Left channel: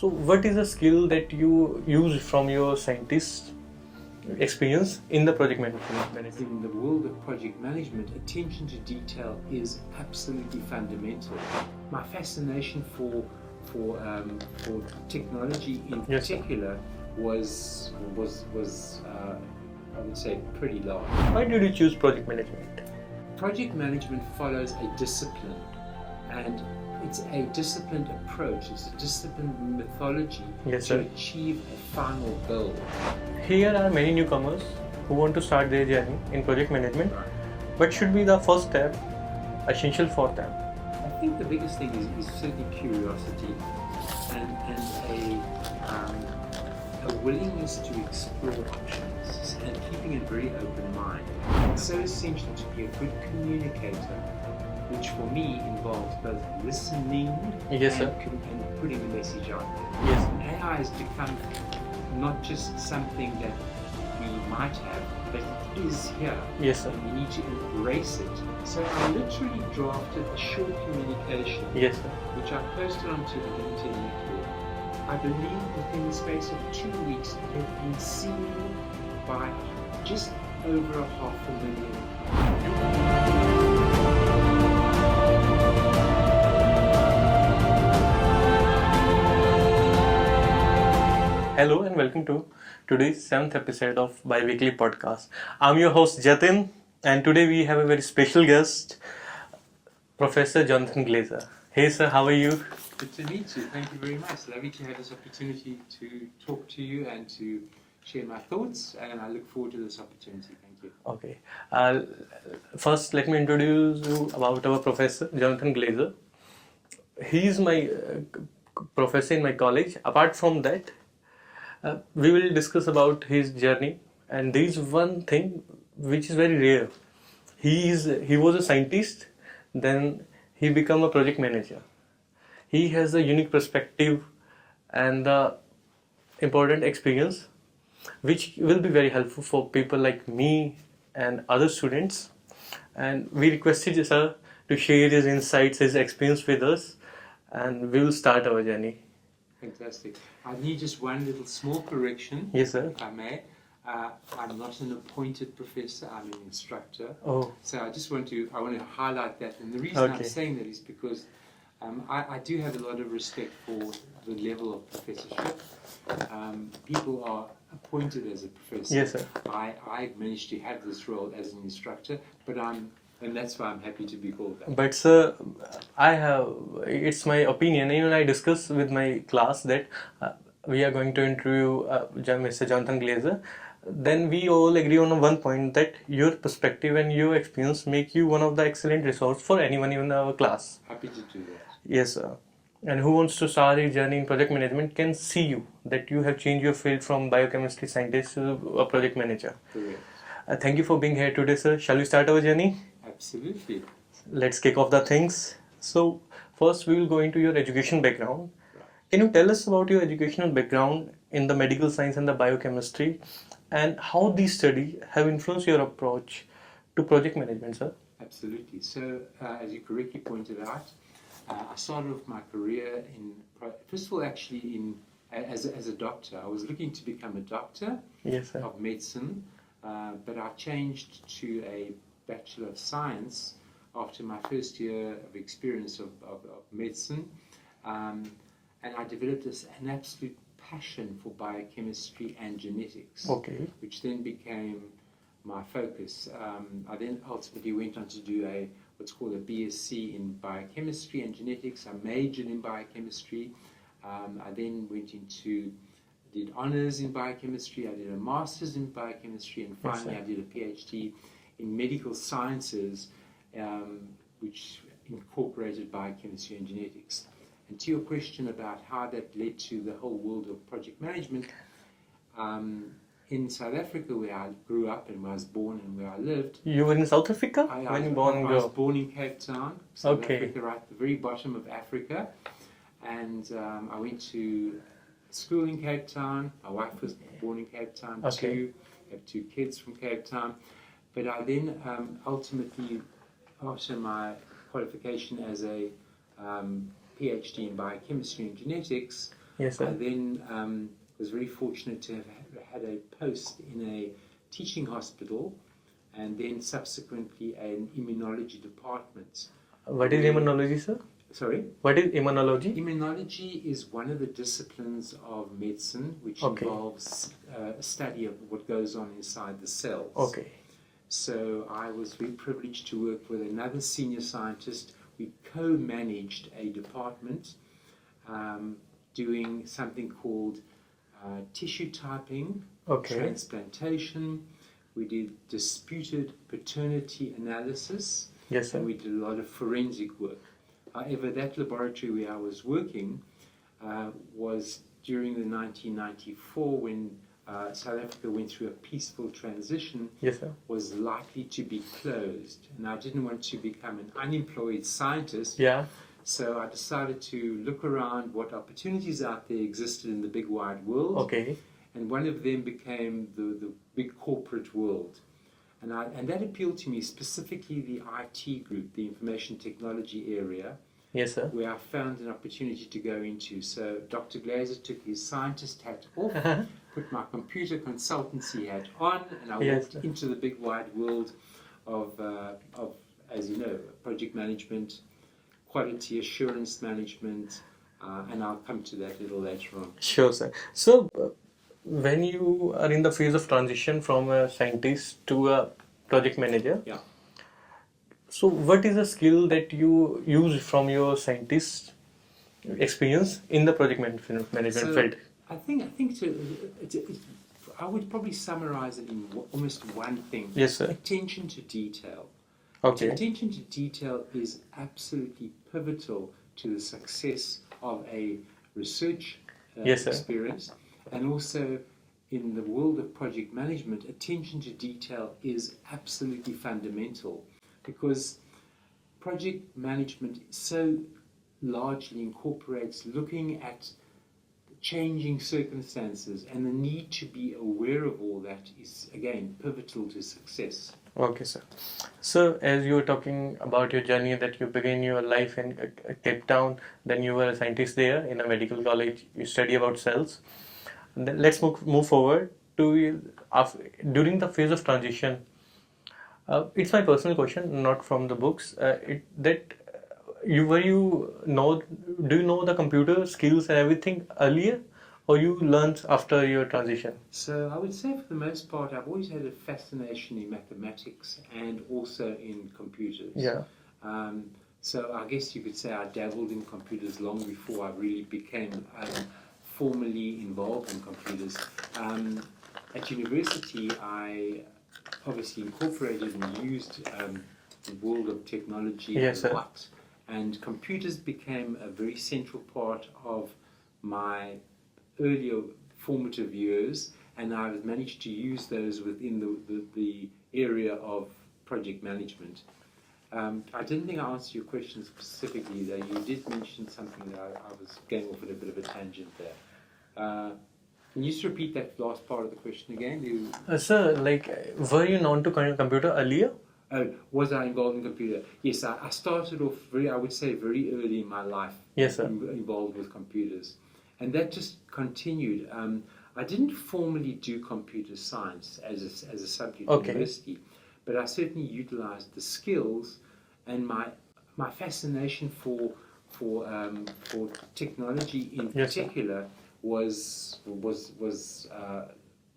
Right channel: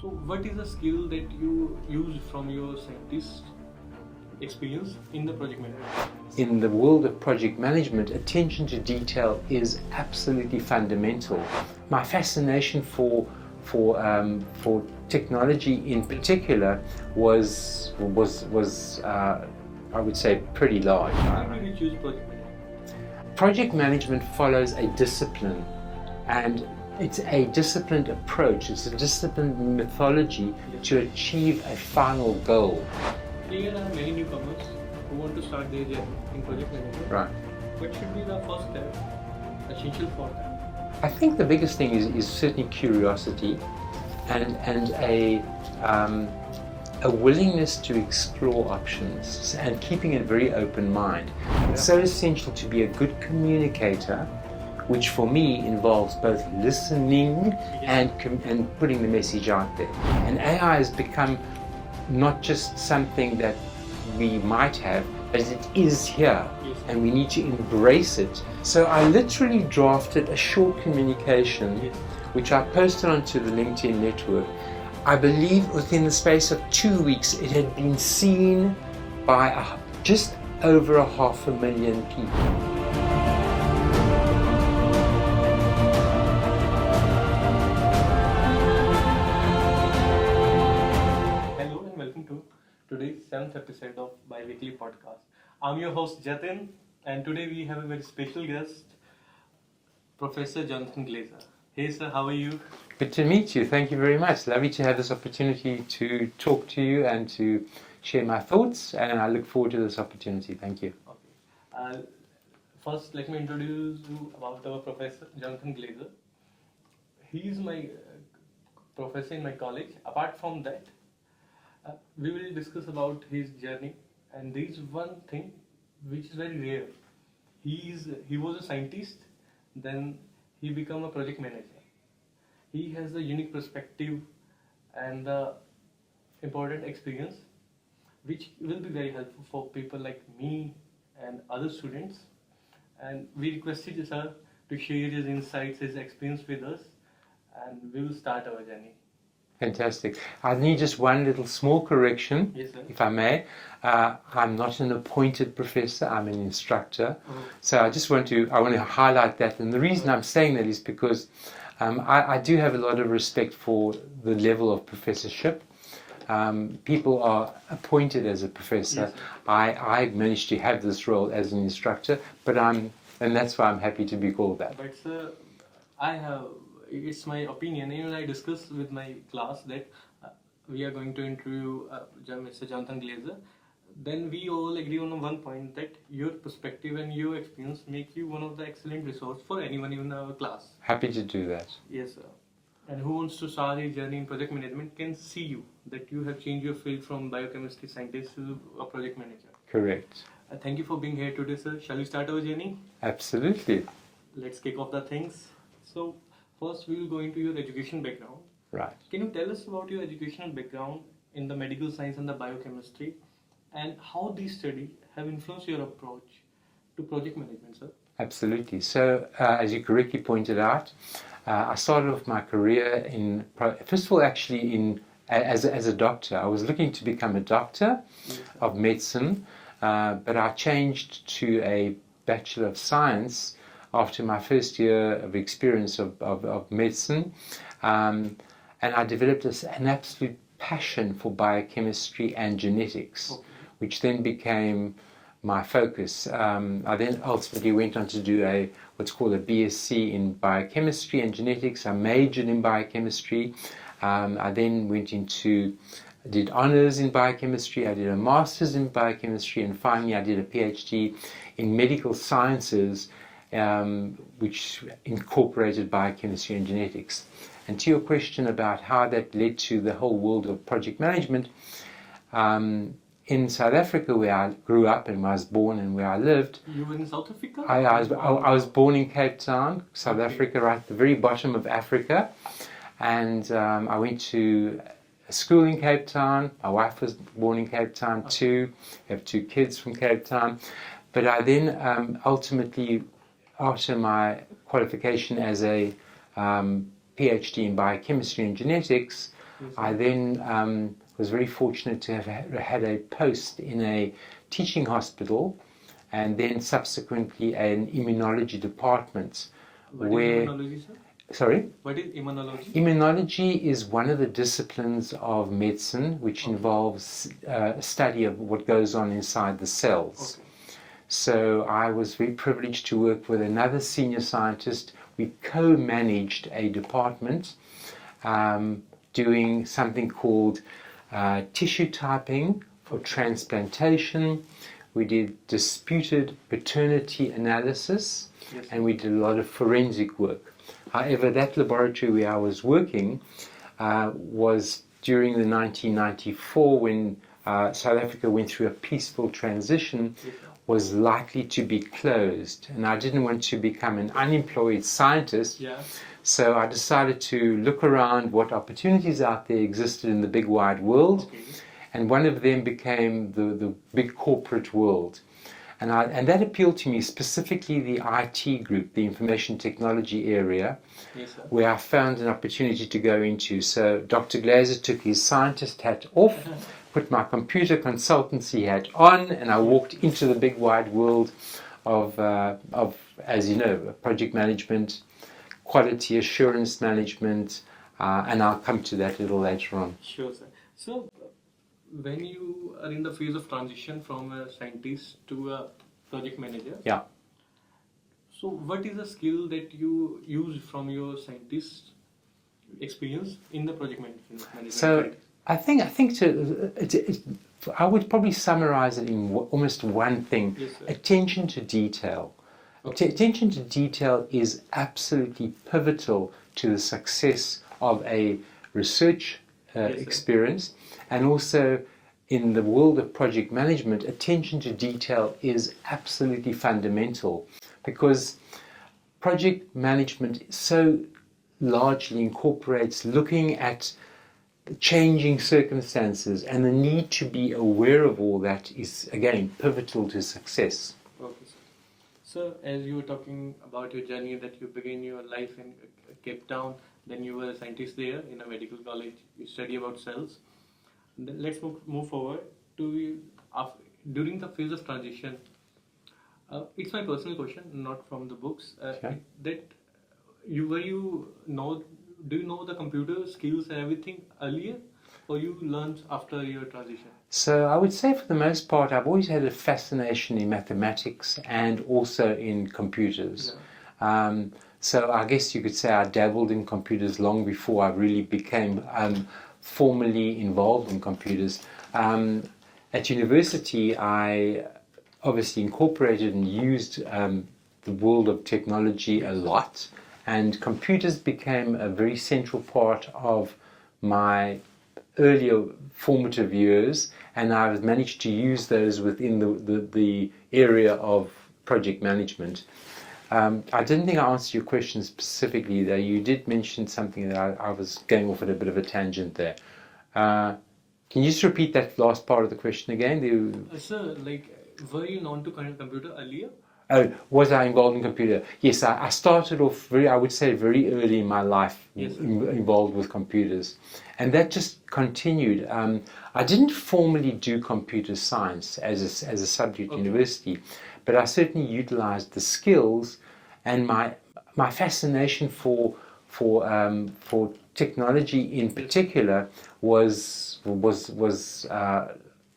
So what is a skill that you use from your scientist experience in the project management? In the world of project management, attention to detail is absolutely fundamental. My fascination for technology in particular was I would say pretty large. Why did you choose project management? Project management follows a discipline, and it's a disciplined approach, it's a disciplined methodology to achieve a final goal. Here are many newcomers who want to start their journey in project management. Right. What should be the first step, essential for them? I think the biggest thing is certainly curiosity and a willingness to explore options and keeping a very open mind. It's so essential to be a good communicator, which for me involves both listening and putting the message out there. And AI has become not just something that we might have, but it is here, and we need to embrace it. So I literally drafted a short communication, which I posted onto the LinkedIn network. I believe within the space of 2 weeks it had been seen by just over 500,000 people. Hello and welcome to today's 7th episode of Bi-Weekly Podcast. I'm your host Jatin, and today we have a very special guest, Professor Jonathan Glaser. Hey sir, how are you? Good to meet you. Thank you very much. Lovely to have this opportunity to talk to you and to share my thoughts, and I look forward to this opportunity. Thank you. Okay. First, let me introduce you about our professor, Jonathan Glaser. He is my professor in my college. Apart from that, we will discuss about his journey, and there is one thing which is very rare. He was a scientist, then he became a project manager. He has a unique perspective and the important experience which will be very helpful for people like me and other students. And we requested sir to share his insights, his experience with us, and we will start our journey. Fantastic. I need just one little small correction, yes, sir. If I may. I'm not an appointed professor, I'm an instructor. Oh. So I want to highlight that. And the reason I'm saying that is because I do have a lot of respect for the level of professorship. People are appointed as a professor. Yes, sir. I managed to have this role as an instructor, and that's why I'm happy to be called that. But sir, it's my opinion, even I discussed with my class that we are going to interview Mr. Jonathan Glaser. Then we all agree on one point, that your perspective and your experience make you one of the excellent resource for anyone in our class. Happy to do that. Yes, sir. And who wants to start a journey in project management can see you, that you have changed your field from biochemistry scientist to a project manager. Correct. Thank you for being here today, sir. Shall we start our journey? Absolutely. Let's kick off the things. So first we will go into your education background. Right. Can you tell us about your educational background in the medical science and the biochemistry, and how these studies have influenced your approach to project management, sir? Absolutely. So as you correctly pointed out, I started off my career first of all actually as a doctor. I was looking to become a doctor of medicine, but I changed to a Bachelor of Science after my first year of experience of medicine, and I developed an absolute passion for biochemistry and genetics, which then became my focus. I then ultimately went on to do what's called a BSc in biochemistry and genetics. I majored in biochemistry. I then did honors in biochemistry. I did a master's in biochemistry, and finally I did a PhD in medical sciences, which incorporated biochemistry and genetics. And to your question about how that led to the whole world of project management, in South Africa, where I grew up and where I was born and where I lived. You were in South Africa? I was born in Cape Town, South Africa, right at the very bottom of Africa. And I went to a school in Cape Town. My wife was born in Cape Town too. I have 2 kids from Cape Town. But I then ultimately, after my qualification as a PhD in biochemistry and genetics, Yes, sir. I then was very fortunate to have had a post in a teaching hospital, and then subsequently an immunology department. What is immunology, sir? Sorry? What is immunology? Immunology is one of the disciplines of medicine which involves study of what goes on inside the cells. Okay. So I was very privileged to work with another senior scientist. We co-managed a department doing something called tissue typing for transplantation. We did disputed paternity analysis, yes, and we did a lot of forensic work. However, that laboratory where I was working was during the 1994 when South Africa went through a peaceful transition, was likely to be closed. And I didn't want to become an unemployed scientist. So I decided to look around what opportunities out there existed in the big wide world. And one of them became the big corporate world. And that appealed to me, specifically the IT group, the information technology area, where I found an opportunity to go into. So Dr. Glaser took his scientist hat off, put my computer consultancy hat on, and I walked into the big wide world of, as you know, project management, quality assurance management, and I'll come to that a little later on. Sure, sir. So, when you are in the phase of transition from a scientist to a project manager, so what is the skill that you use from your scientist experience in the project management field? I think I would probably summarize it in almost one thing. Attention to detail. Attention to detail is absolutely pivotal to the success of a research experience. And also in the world of project management, attention to detail is absolutely fundamental, because project management so largely incorporates looking at changing circumstances, and the need to be aware of all that is, again, pivotal to success. Okay, sir. So, as you were talking about your journey that you began your life in Cape Town, then you were a scientist there in a medical college, you study about cells. Then let's move forward to during the phase of transition. It's my personal question, not from the books. Do you know the computer skills and everything earlier, or you learned after your transition? So I would say for the most part, I've always had a fascination in mathematics and also in computers. So I guess you could say I dabbled in computers long before I really became formally involved in computers. At university, I obviously incorporated and used the world of technology a lot, and computers became a very central part of my earlier formative years, and I've managed to use those within the area of project management. I didn't think I answered your question specifically, though. You did mention something that I was going off at a bit of a tangent there. Can you just repeat that last part of the question again? Sir, were you known to computer earlier? Was I involved in computer? Yes, I started off very early in my life involved with computers. And that just continued. I didn't formally do computer science as a subject at university, but I certainly utilized the skills, and my fascination for technology in particular was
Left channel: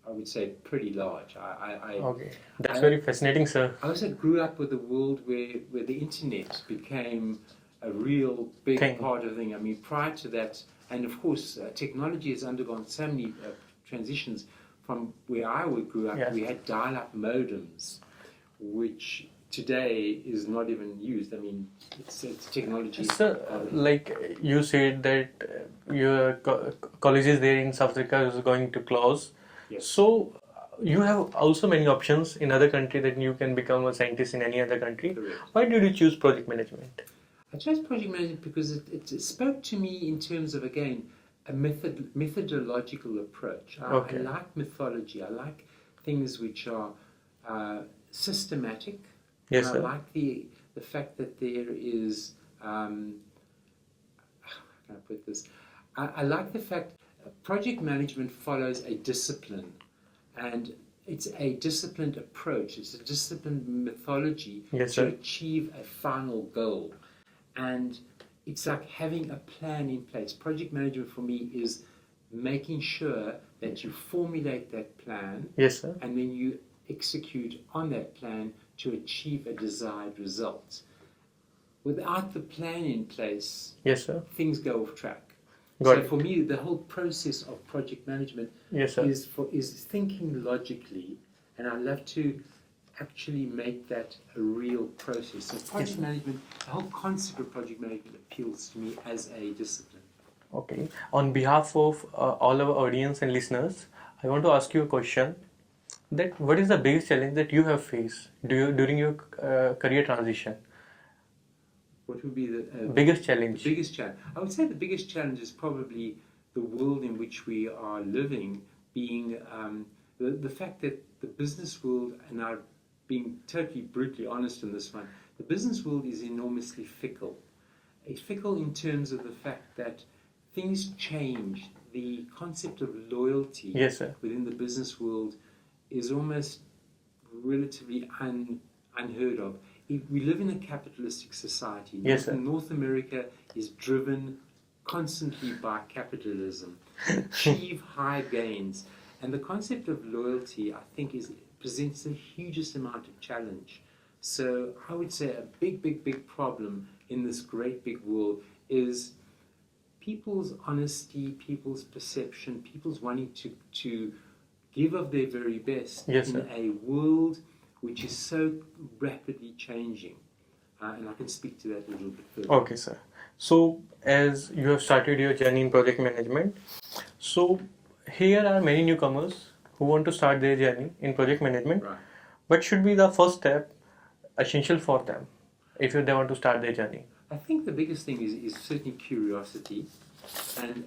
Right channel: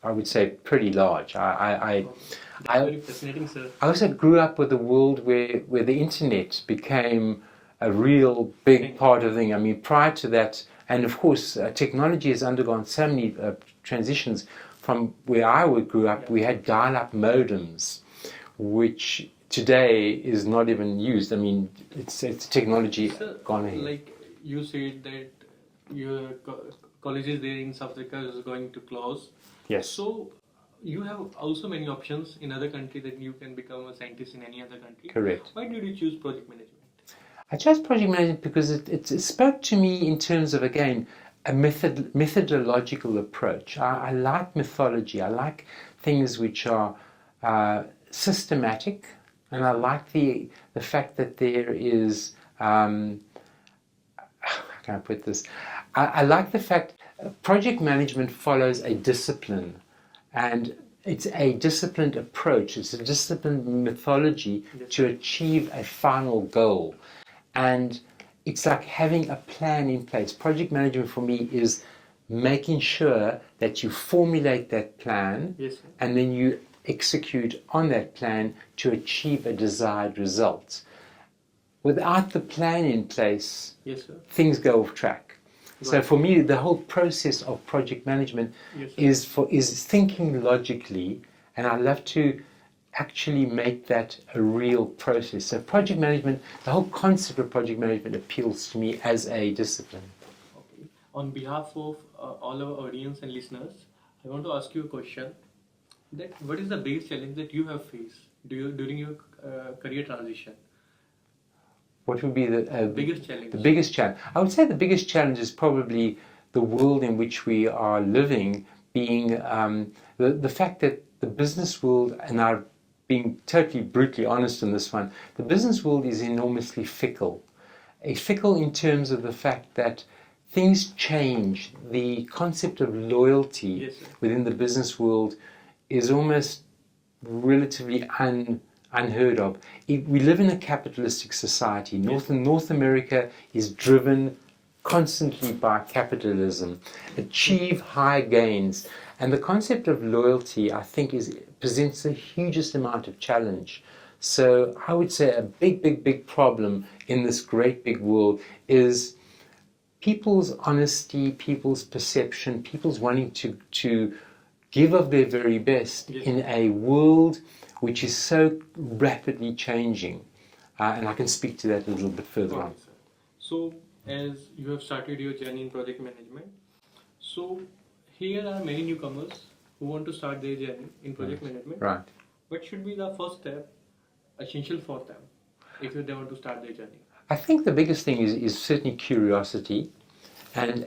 I would say pretty large. That's very fascinating, sir. I also grew up with a world where the internet became a real big part of the thing. I mean, prior to that, and of course, technology has undergone so many transitions. From where I grew up, we had dial-up modems, which today is not even used. I mean, it's technology gone ahead. Like you said that your colleges there in South Africa is going to close. Yes. So you have also many options in other country that you can become a scientist in any other country. Correct. Why did you choose project management? I chose project management because it spoke to me in terms of, again, a methodological approach. I like mythology. I like things which are systematic. And I like the fact that there is, how can I put this? I like the fact project management follows a discipline, and it's a disciplined approach, it's a disciplined methodology to achieve a final goal. And it's like having a plan in place. Project management for me is making sure that you formulate that plan and then you execute on that plan to achieve a desired result. Without the plan in place, things go off track. So for me, the whole process of project management is thinking logically, and I love to actually make that a real process. So project management, the whole concept of project management appeals to me as a discipline. Okay. On behalf of all our audience and listeners, I want to ask you a question. That what is the biggest challenge that you have faced during your career transition? What would be the biggest challenge? The biggest challenge. I would say the biggest challenge is probably the world in which we are living, being the fact that the business world, and I'm being totally brutally honest in this one, the business world is enormously fickle. Fickle in terms of the fact that things change. The concept of loyalty within the business world is almost relatively unheard of. We live in a capitalistic society. North America is driven constantly by capitalism, achieve high gains. And the concept of loyalty, I think, presents the hugest amount of challenge. So I would say a big problem in this great big world is people's honesty, people's perception, people's wanting to give of their very best in a world which is so rapidly changing. And I can speak to that a little bit further. Okay, sir. So, as you have started your journey in project management, so here are many newcomers who want to start their journey in project management. Right. What should be the first step essential for them if they want to start their journey? I think the biggest thing is certainly curiosity and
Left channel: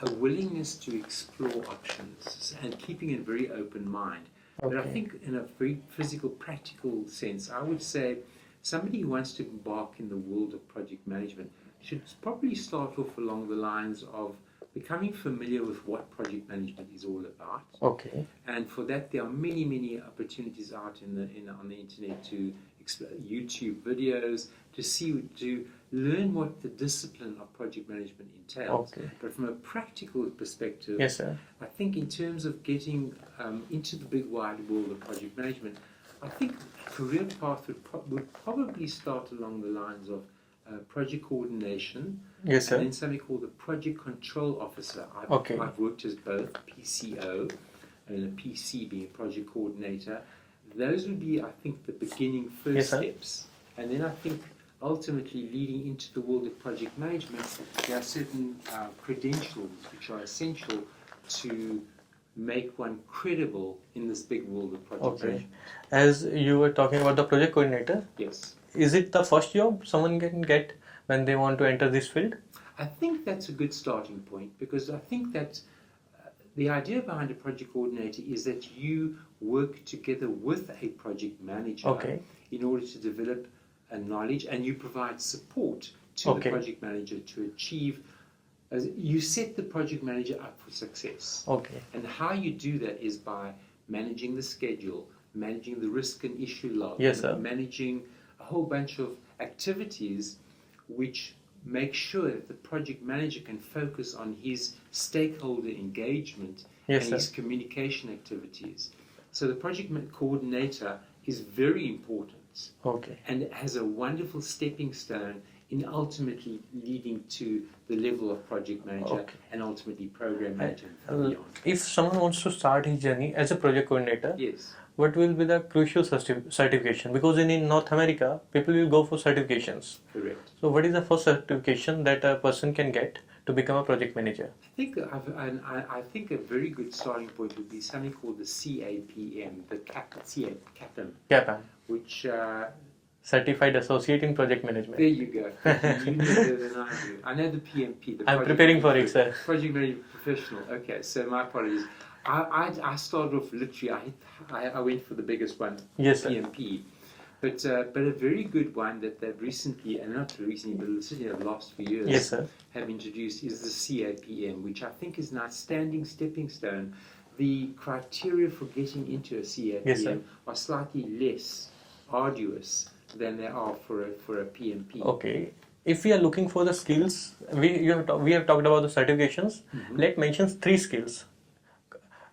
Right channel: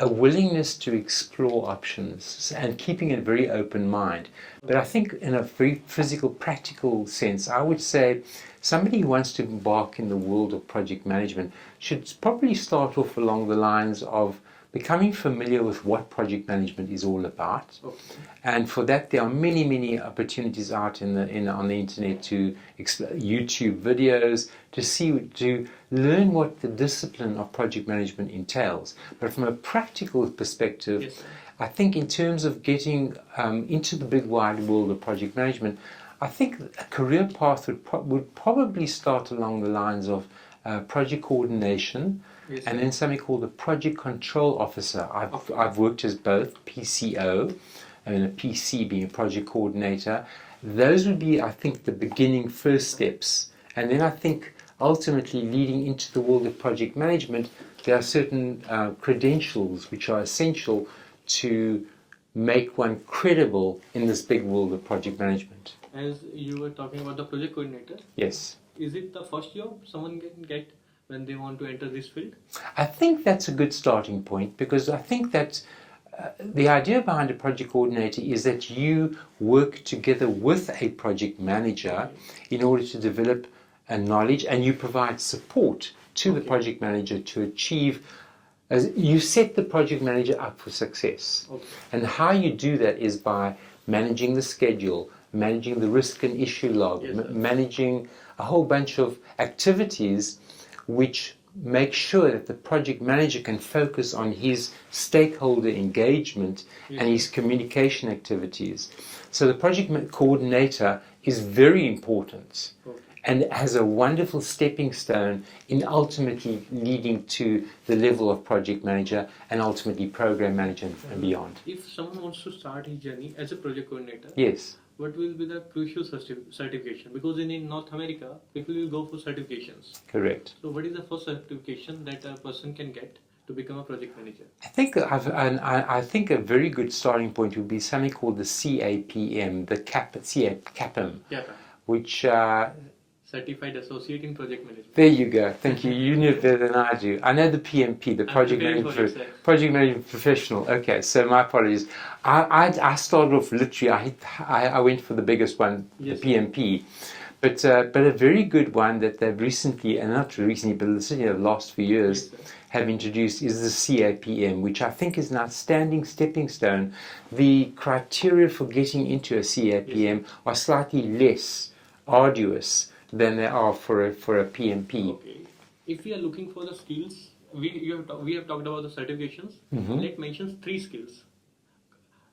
a willingness to explore options and keeping a very open mind. But I think in a very physical, practical sense, I would say somebody who wants to embark in the world of project management should probably start off along the lines of becoming familiar with what project management is all about. Okay. And for that, there are many opportunities out on the internet to YouTube videos to learn what the discipline of project management entails. Okay. But from a practical perspective, I think in terms of getting into the big wide world of project management, I think a career path would probably start along the lines of project coordination, and then something called a project control officer. I've worked as both PCO, and a PC being a project coordinator. Those would be, I think, the beginning first steps. And then I think ultimately leading into the world of project management, there are certain credentials which are essential to make one credible in this big world of project management. As you were talking about the project coordinator, is it the first job someone can get when they want to enter this field? I think that's a good starting point, because I think that the idea behind a project coordinator is that you work together with a project manager in order to develop a knowledge, and you provide support to the project manager to achieve. You set the project manager up for success. And how you do that is by managing the schedule, managing the risk and issue log, managing a whole bunch of activities which make sure that the project manager can focus on his stakeholder engagement and his communication activities. So the project coordinator is very important and has a wonderful stepping stone in ultimately leading to the level of project manager and ultimately program manager and beyond. If someone wants to start his journey as a project coordinator, what will be the crucial certification? Because in North America, people will go for certifications. Correct. So what is the first certification that a person can get to become a project manager? I think a very good starting point would be something called the CAPM, the CAPM, which Certified Associate in Project Management. There you go. Thank you. You know better than I do. I know the PMP, the Project Management Professional. Okay, so my apologies. I started off literally. I went for the biggest one, PMP. But a very good one that they've recently, and not recently, but certainly the last few years, Yes, sir. have introduced is the CAPM, which I think is an outstanding stepping stone. The criteria for getting into a CAPM are slightly less arduous than they are for a PMP. Okay. If we are looking for the skills, we have talked about the certifications. Let's mention 3 skills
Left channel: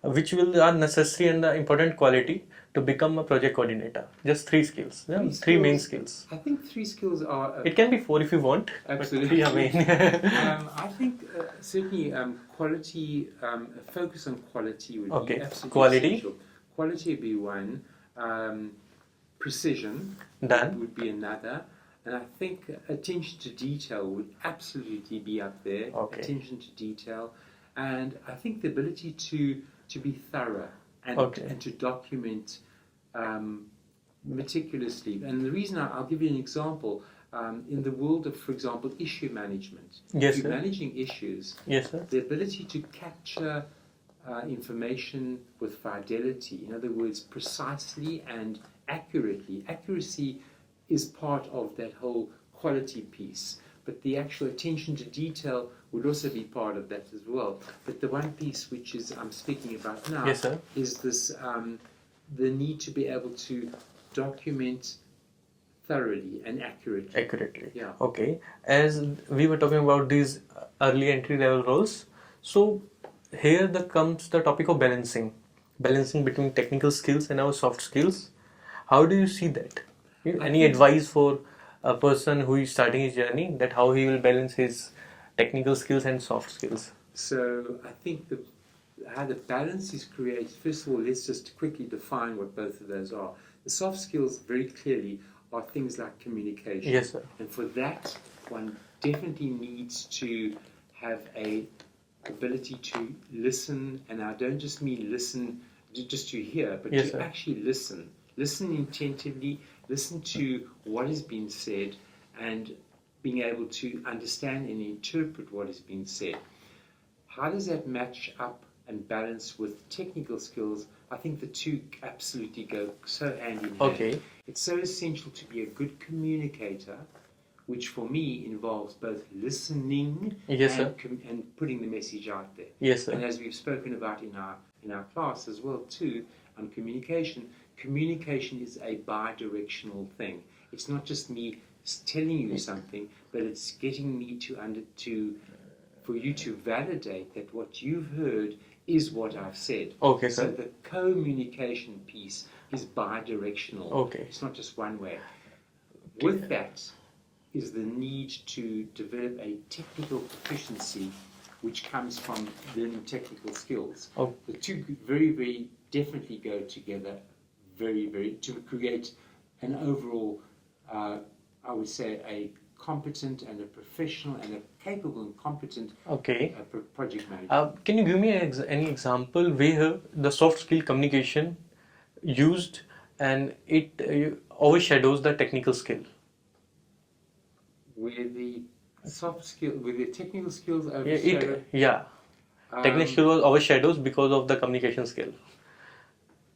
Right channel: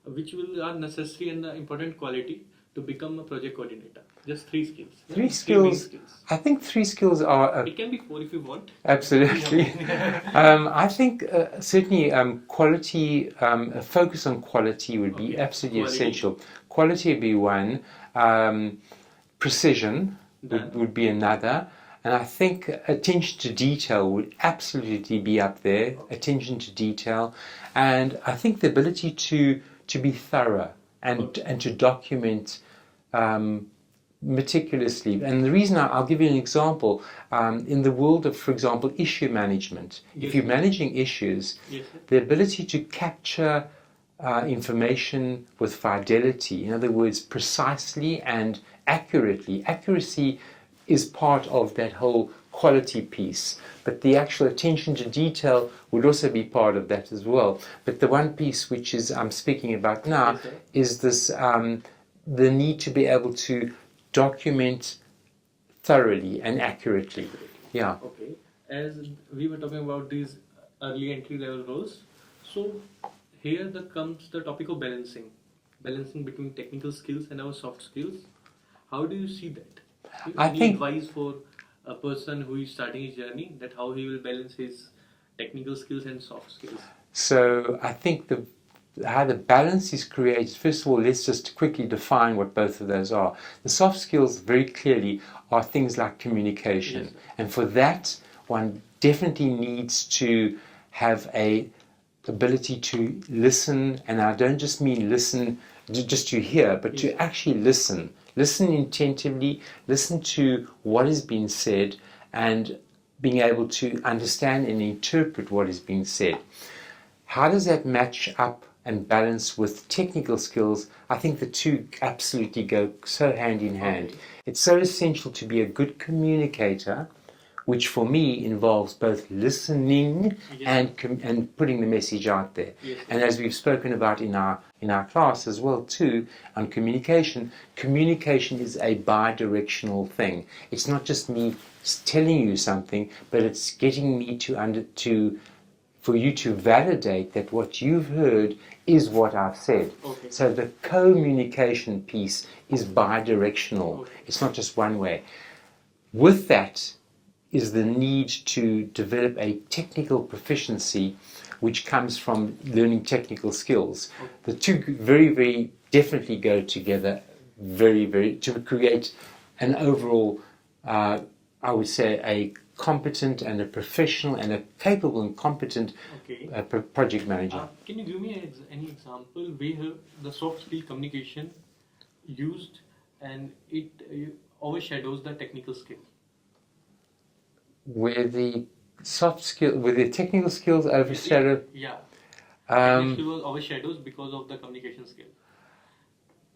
which are necessary and the important quality to become a project coordinator. Just 3 skills. Three main skills. I think 3 skills are. It can be 4 if you want. Absolutely. I think certainly quality, a focus on quality would be absolutely essential. Quality would be one. Precision would be another. And I think attention to detail would absolutely be up there. Okay. Attention to detail. And I think the ability to be thorough and to document meticulously. And the reason I'll give you an example. In the world of, for example, issue management, if you're managing issues, the ability to capture information with fidelity, in other words, precisely and accurately. Accuracy is part of that whole quality piece, but the actual attention to detail would also be part of that as well. But the one piece which is I'm speaking about now is this the need to be able to document thoroughly and accurately. Yeah. Okay. As we were talking about these early entry level roles, so here comes the topic of balancing between technical skills and our soft skills. How do you see that? Any advice for a person who is starting his journey, that how he will balance his technical skills and soft skills? So I think how the balance is created, first of all, let's just quickly define what both of those are. The soft skills very clearly are things like communication. Yes, sir. And for that, one definitely needs to have a ability to listen, and I don't just mean listen just to hear, but to actually listen. Listen attentively, listen to what is being said, and being able to understand and interpret what is being said. How does that match up and balance with technical skills? I think the two absolutely go so hand in hand. Okay. It's so essential to be a good communicator, which for me involves both listening and putting the message out there. Yes, sir. And as we've spoken about in our class as well too, on communication is a bi-directional thing. It's not just me telling you something, but it's getting me for you to validate that what you've heard is what I've said. Okay, so the communication piece is bi-directional. Okay. It's not just one way. With that is the need to develop a technical proficiency which comes from learning technical skills. Oh. The two very, very definitely go together very, very, to create an overall, I would say, a competent and a professional and a capable and competent project manager. Can you give me any example where the soft skill communication used and it overshadows the technical skill? Where the technical skills overshadow? Technical skill overshadows because of the communication skill.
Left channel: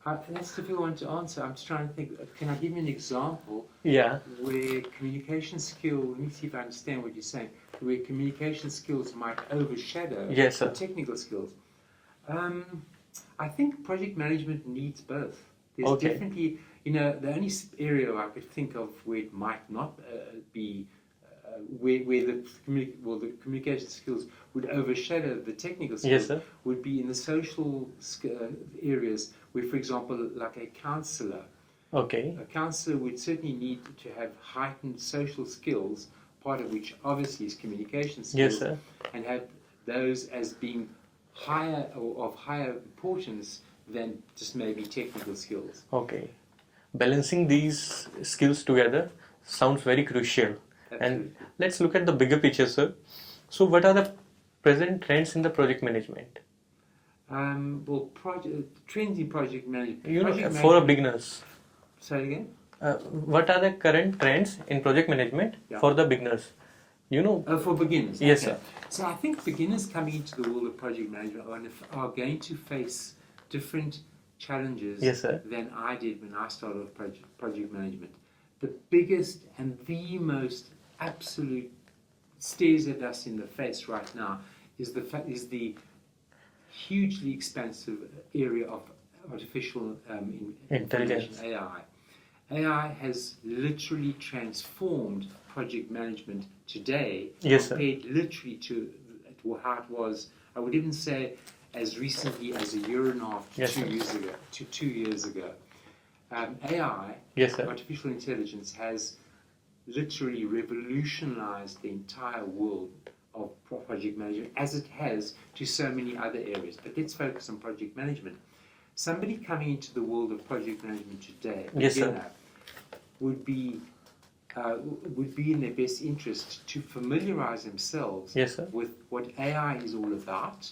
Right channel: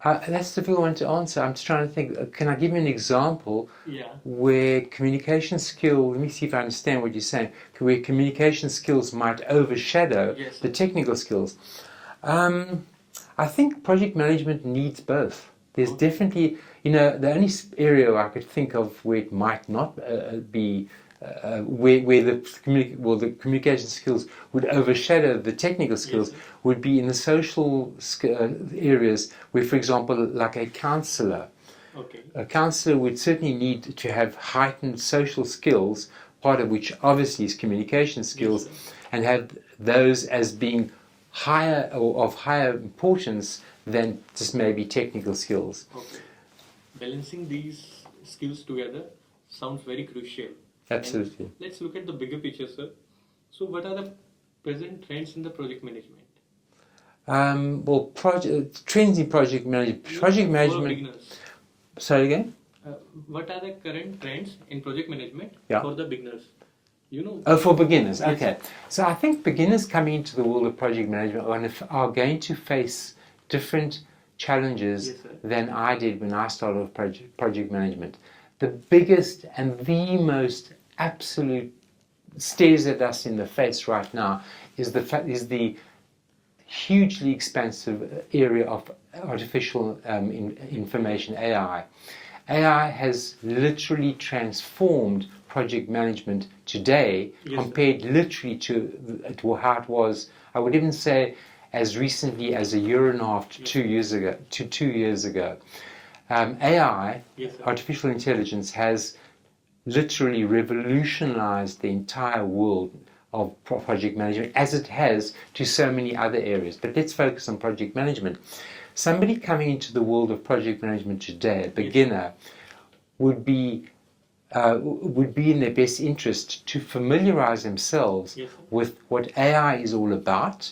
That's a difficult one to answer. I'm just trying to think. Can I give you an example? Yeah. Where communication skill, let me see if I understand what you're saying, where communication skills might overshadow the technical skills. I think project management needs both. There's definitely, the only area I could think of where it might not be where the communication skills would overshadow the technical skills would be in the social areas where, for example, like a counsellor. Okay. A counsellor would certainly need to have heightened social skills, part of which obviously is communication skills, and have those as being higher or of higher importance than just maybe technical skills. Okay. Balancing these skills together sounds very crucial. Absolutely. And let's look at the bigger picture, sir. So what are the present trends in the project management? Trends in project management. For beginners. Sorry again? What are the current trends in project management for the beginners? For beginners. Yes, okay. sir. So I think beginners coming into the world of project management are going to face different challenges than I did when I started with project management. the biggest and the most absolute stares at us in the face right now is the hugely expansive area of artificial information, AI. AI has literally transformed project management today, compared literally to how it was, I would even say, as recently as a year and a half to 2 years ago. AI, artificial intelligence, has literally revolutionized the entire world of project management, as it has to so many other areas. But let's focus on project management. Somebody coming into the world of project management today, a beginner, would be in their best interest to familiarize themselves with what AI is all about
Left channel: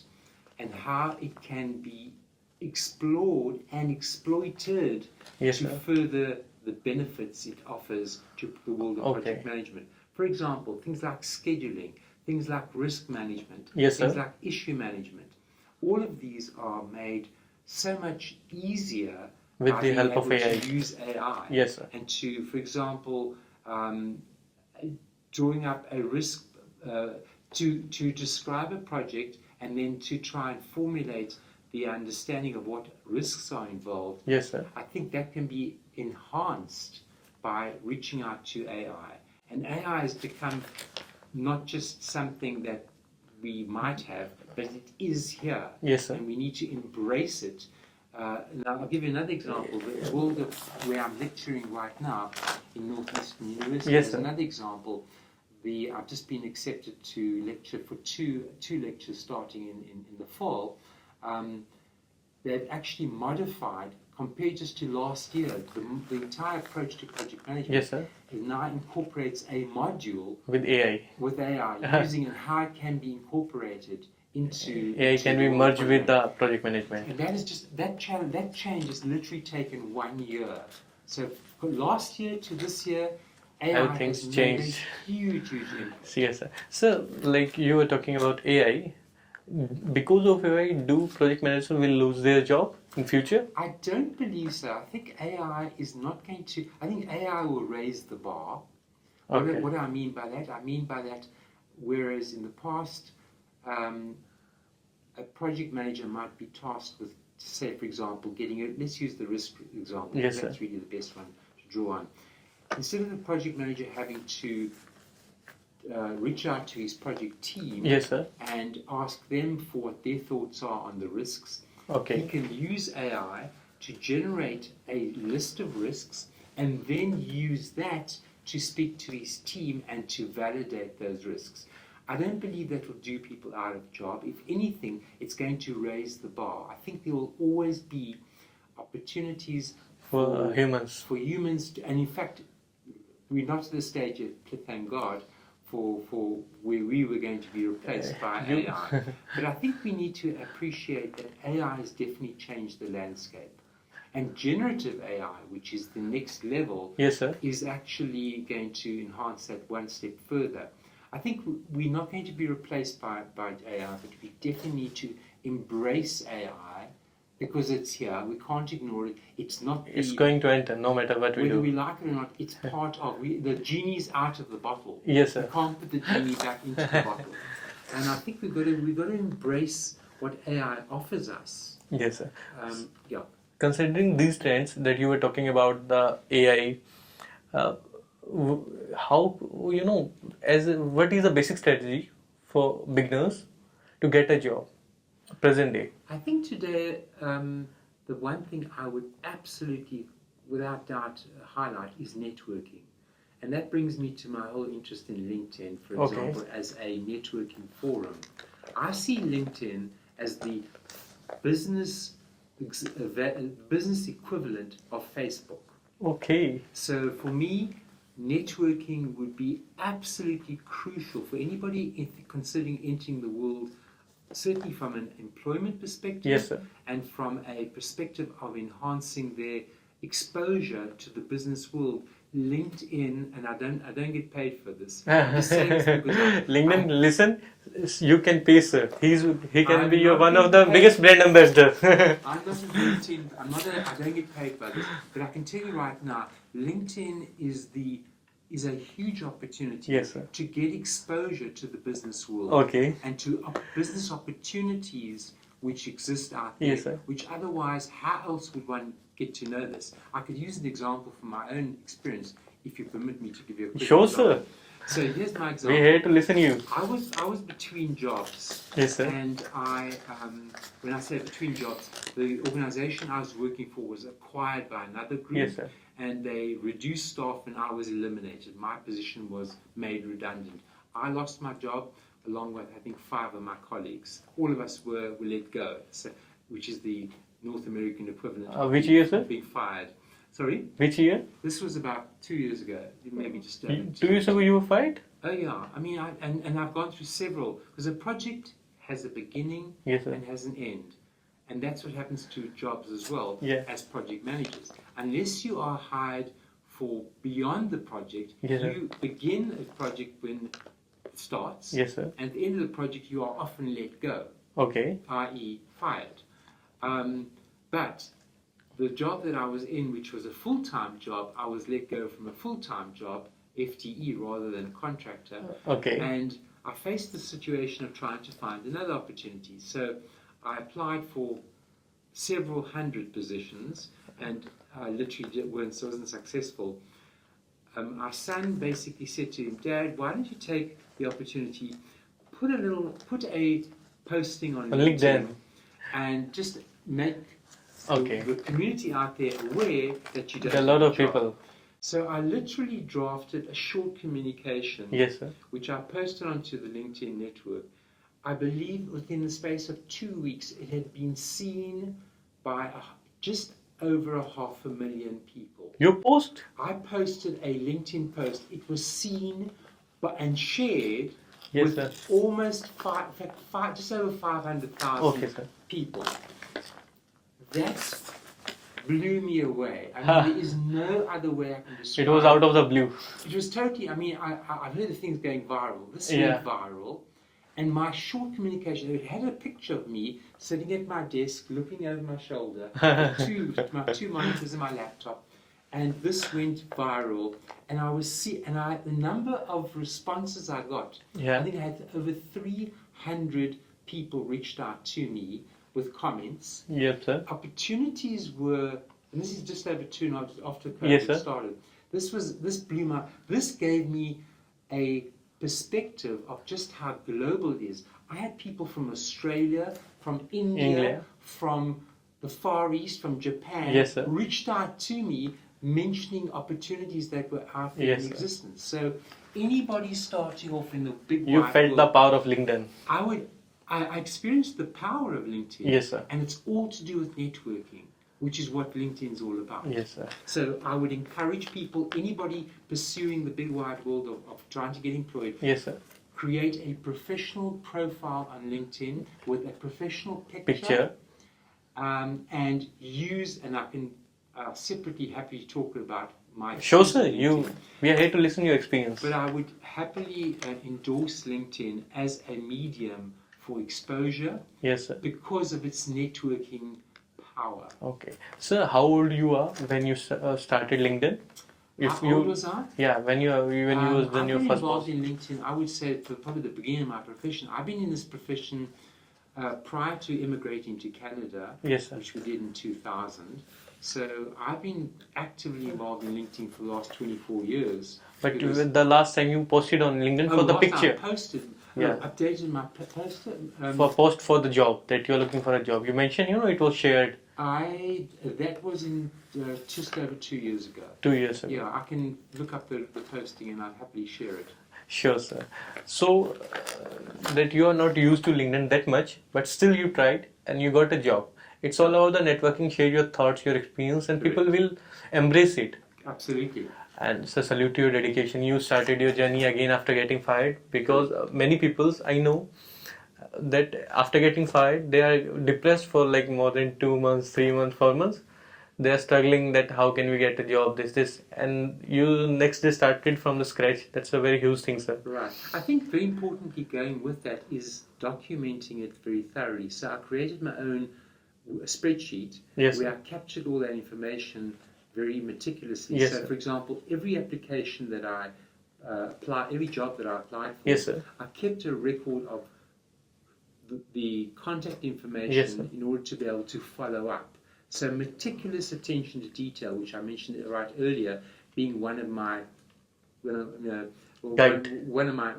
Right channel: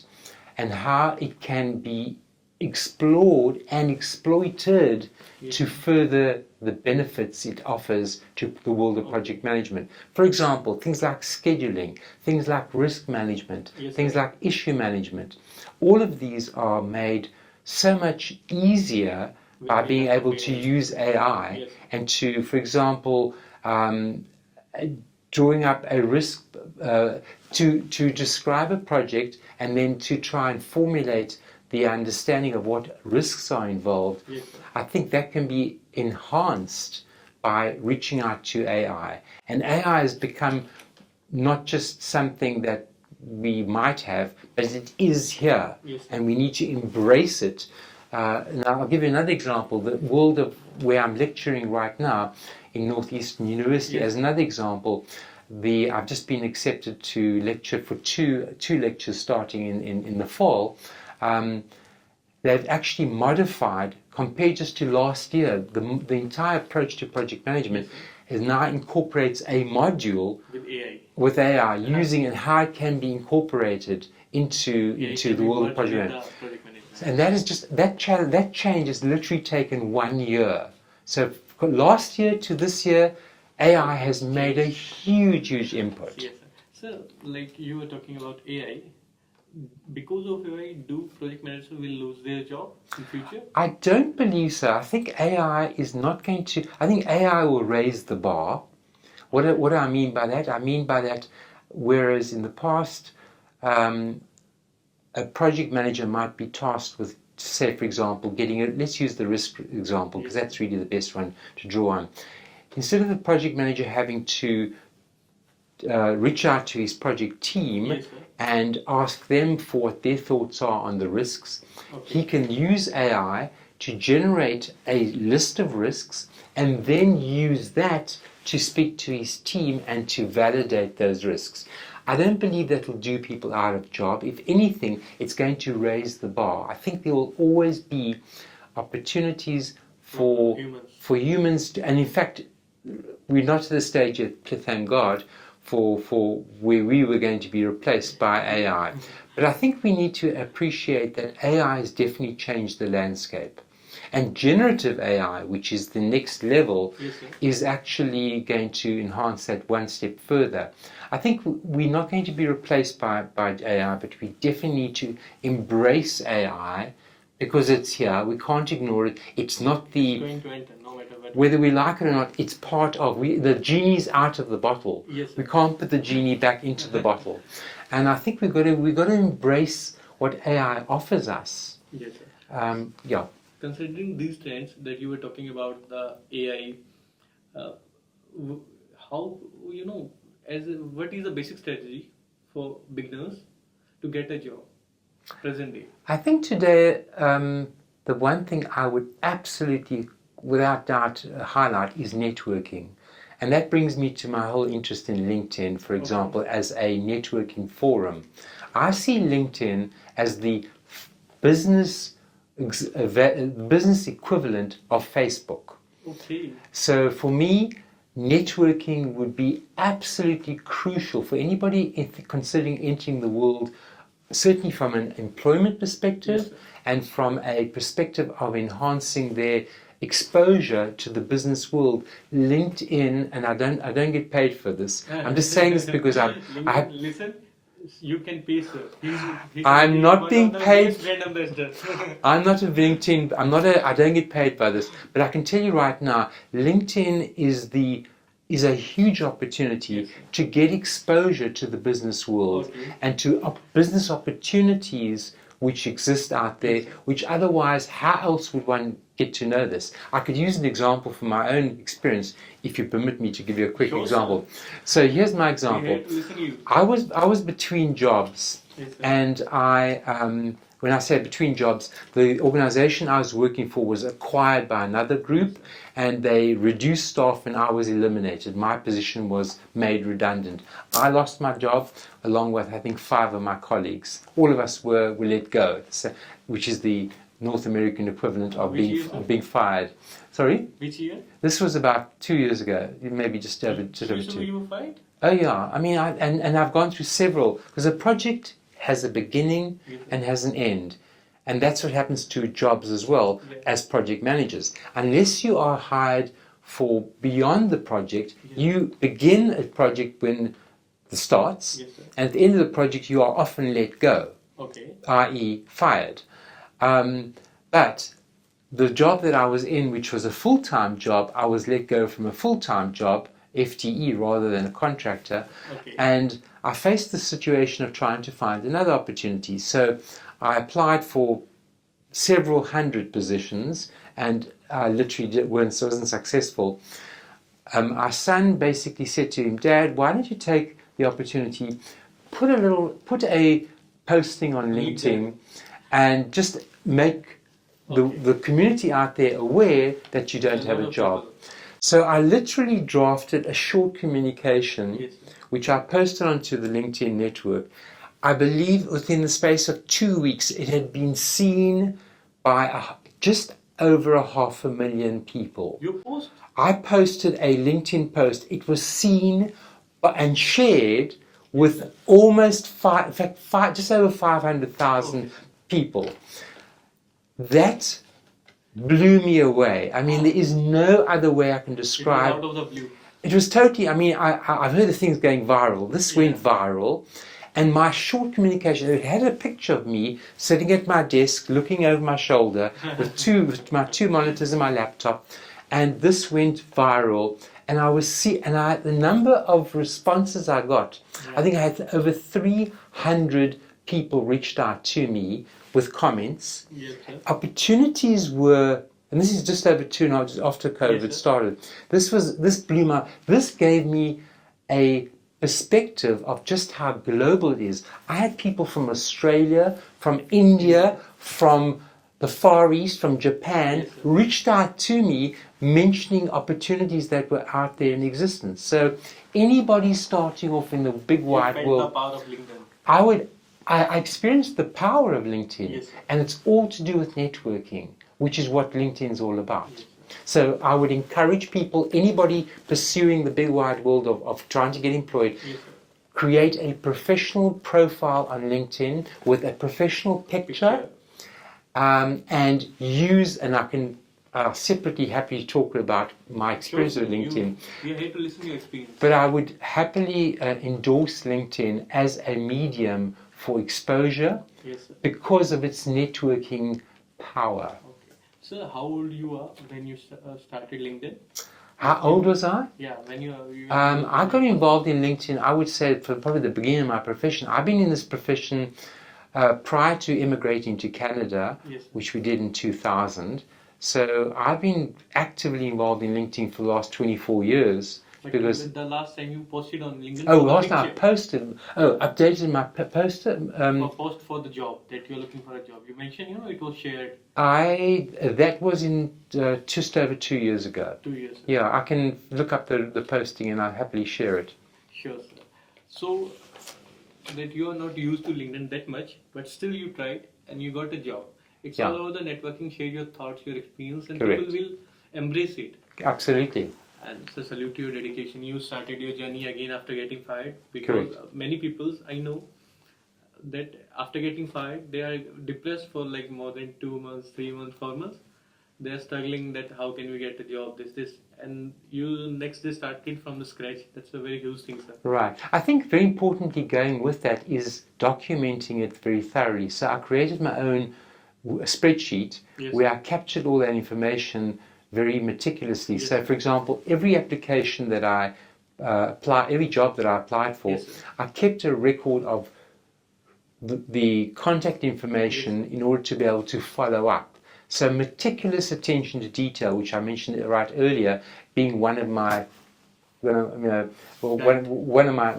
and how it can be explored and exploited to further the benefits it offers to the world of project management. For example, things like scheduling, things like risk management, things like issue management. All of these are made so much easier by being able to use AI and to, for example, drawing up a risk, to describe a project and then to try and formulate the understanding of what risks are involved. I think that can be enhanced by reaching out to AI. And AI has become not just something that we might have, but it is here. And we need to embrace it. Now, I'll give you another example. The world of where I'm lecturing right now in Northeastern University, as another example, I've just been accepted to lecture for two lectures starting in the fall. They've actually modified, compared just to last year, the entire approach to project management is now incorporates a module with AI. With AI, using and how it can be incorporated into the world of project with the project management. And that is just that change has literally taken 1 year. So last year to this year, AI has made a huge input. So, like you were talking about AI, because of AI, do project managers will lose their job in future? I don't believe so. I think AI is not going to. I think AI will raise the bar. What do I mean by that? I mean by that, whereas in the past, a project manager might be tasked with, say, for example, let's use the risk example, because that's really the best one to draw on. Instead of the project manager having to reach out to his project team and ask them for what their thoughts are on the risks, he can use AI to generate a list of risks and then use that to speak to his team and to validate those risks. I don't believe that will do people out of job. If anything, it's going to raise the bar. I think there will always be opportunities for humans to, and in fact, we're not to the stage yet, thank God, for where we were going to be replaced by AI. But I think we need to appreciate that AI has definitely changed the landscape. And generative AI, which is the next level, is actually going to enhance that one step further. I think we're not going to be replaced by AI, but we definitely need to embrace AI because it's here. We can't ignore it. It's going to enter no matter what. Whether we like it or not, it's part of. The genie's out of the bottle. We can't put the genie back into the bottle. And I think we've got to embrace what AI offers us. Considering these trends that you were talking about, the AI, how what is the basic strategy for beginners to get a job present day? I think today the one thing I would absolutely, without doubt, highlight is networking. And that brings me to my whole interest in LinkedIn, for example, as a networking forum. I see LinkedIn as the business equivalent of Facebook. So for me, networking would be absolutely crucial for anybody considering entering the world, certainly from an employment perspective and from a perspective of enhancing their exposure to the business world. LinkedIn, and I don't get paid for this. I'm just saying this because LinkedIn, listen, you can pay, sir. He can I'm be not one being of the paid. biggest brand ambassador. I'm not a LinkedIn. I don't get paid by this, but I can tell you right now, LinkedIn is a huge opportunity Yes, sir. to get exposure to the business world Okay. and to business opportunities which exist out there, Yes, sir. which otherwise, how else would one get to know this? I could use an example from my own experience, if you permit me to give you a quick Sure, example. sir. So here's my We're example. here to listen to you. I was between jobs. Yes, sir. And when I say between jobs, the organization I was working for was acquired by another group, Yes, sir. and they reduced staff and I was eliminated. My position was made redundant. I lost my job along with, I think, 5 of my colleagues. All of us were let go, which is the North American equivalent of Which year, sir? being fired. Sorry? Which year? This was about 2 years ago, maybe just over 2 years ago you were fired? Oh yeah, I mean, and I've gone through several, because a project has a beginning Yes, sir. and has an end. And that's what happens to jobs as well, Yeah. as project managers. Unless you are hired for beyond the project, Yes, sir. you begin a project when it starts, Yes, sir. and at the end of the project you are often let go, Okay. i.e. fired. But the job that I was in, which was a full-time job, I was let go from a full-time job, FTE rather than a contractor. Okay. And I faced the situation of trying to find another opportunity. So I applied for several hundred positions and I literally wasn't successful. Our son basically said to him, "Dad, why don't you take the opportunity, put a posting on LinkedIn and just make the community out there aware that you don't have a job." People. So I literally drafted a short communication, Yes, sir. which I posted onto the LinkedIn network. I believe within the space of 2 weeks, it had been seen by just over 500,000 people. Your post? I posted a LinkedIn post. It was seen and shared Yes, with sir. almost just over 500,000 people. That blew me away. I mean, there is no other way I can describe. It was out of the blue. It was totally, I mean, I've heard of things going viral. This went viral. And my short communication, it had a picture of me sitting at my desk, looking over my shoulder, with my 2 monitors and my laptop. And this went viral. And the number of responses I got, I think I had over 300 people reached out to me with comments. Yes, sir. Opportunities were, and this is just over 2 years after COVID started. This gave me a perspective of just how global it is. I had people from Australia, from India, from the Far East, from Japan, reached out to me mentioning opportunities that were out there in existence. So anybody starting off in the big wide world, you felt the power of LinkedIn. I experienced the power of LinkedIn. Yes, sir. And it's all to do with networking, which is what LinkedIn is all about. Yes, sir. So I would encourage people, anybody pursuing the big wide world of trying to get employed, yes, sir. create a professional profile on LinkedIn with a professional picture. And use, and I can separately happy to talk about my experience with LinkedIn. We are here to listen to your experience. But I would happily endorse LinkedIn as a medium for exposure. Yes, sir. Because of its networking power. Okay. Sir, how old you are when you started LinkedIn? How old was I? Yeah, I got involved in LinkedIn, I would say, for probably the beginning of my profession. I've been in this profession prior to immigrating to Canada, which we did in 2000. So I've been actively involved in LinkedIn for the last 24 years. But the last time you posted on LinkedIn for the last picture. Time I posted, updated my poster. Post for the job, that you're looking for a job. You mentioned, it was shared. That was in just over 2 years ago. 2 years ago. Yeah, I can look up the posting and I'll happily share it. Sure, sir. So, that you are not used to LinkedIn that much, but still you tried and you got a job. It's all about the networking, share your thoughts, your experience, and people will embrace it. Absolutely. And so salute to your dedication. You started your journey again after getting fired, because many people I know that after getting fired, they are depressed for like more than 2 months, 3 months, 4 months. they are struggling that how can we get a job, this, and you next day started from the scratch. That's a very huge thing, sir. Right. I think very importantly going with that is documenting it very thoroughly. So I created my own spreadsheet where I captured all that information very meticulously. Yes, so, sir. for example, every application that I every job that I applied for, Yes, sir. I kept a record of the contact information in order to be able to follow up. So meticulous attention to detail, which I mentioned right earlier, being one of my, one of my,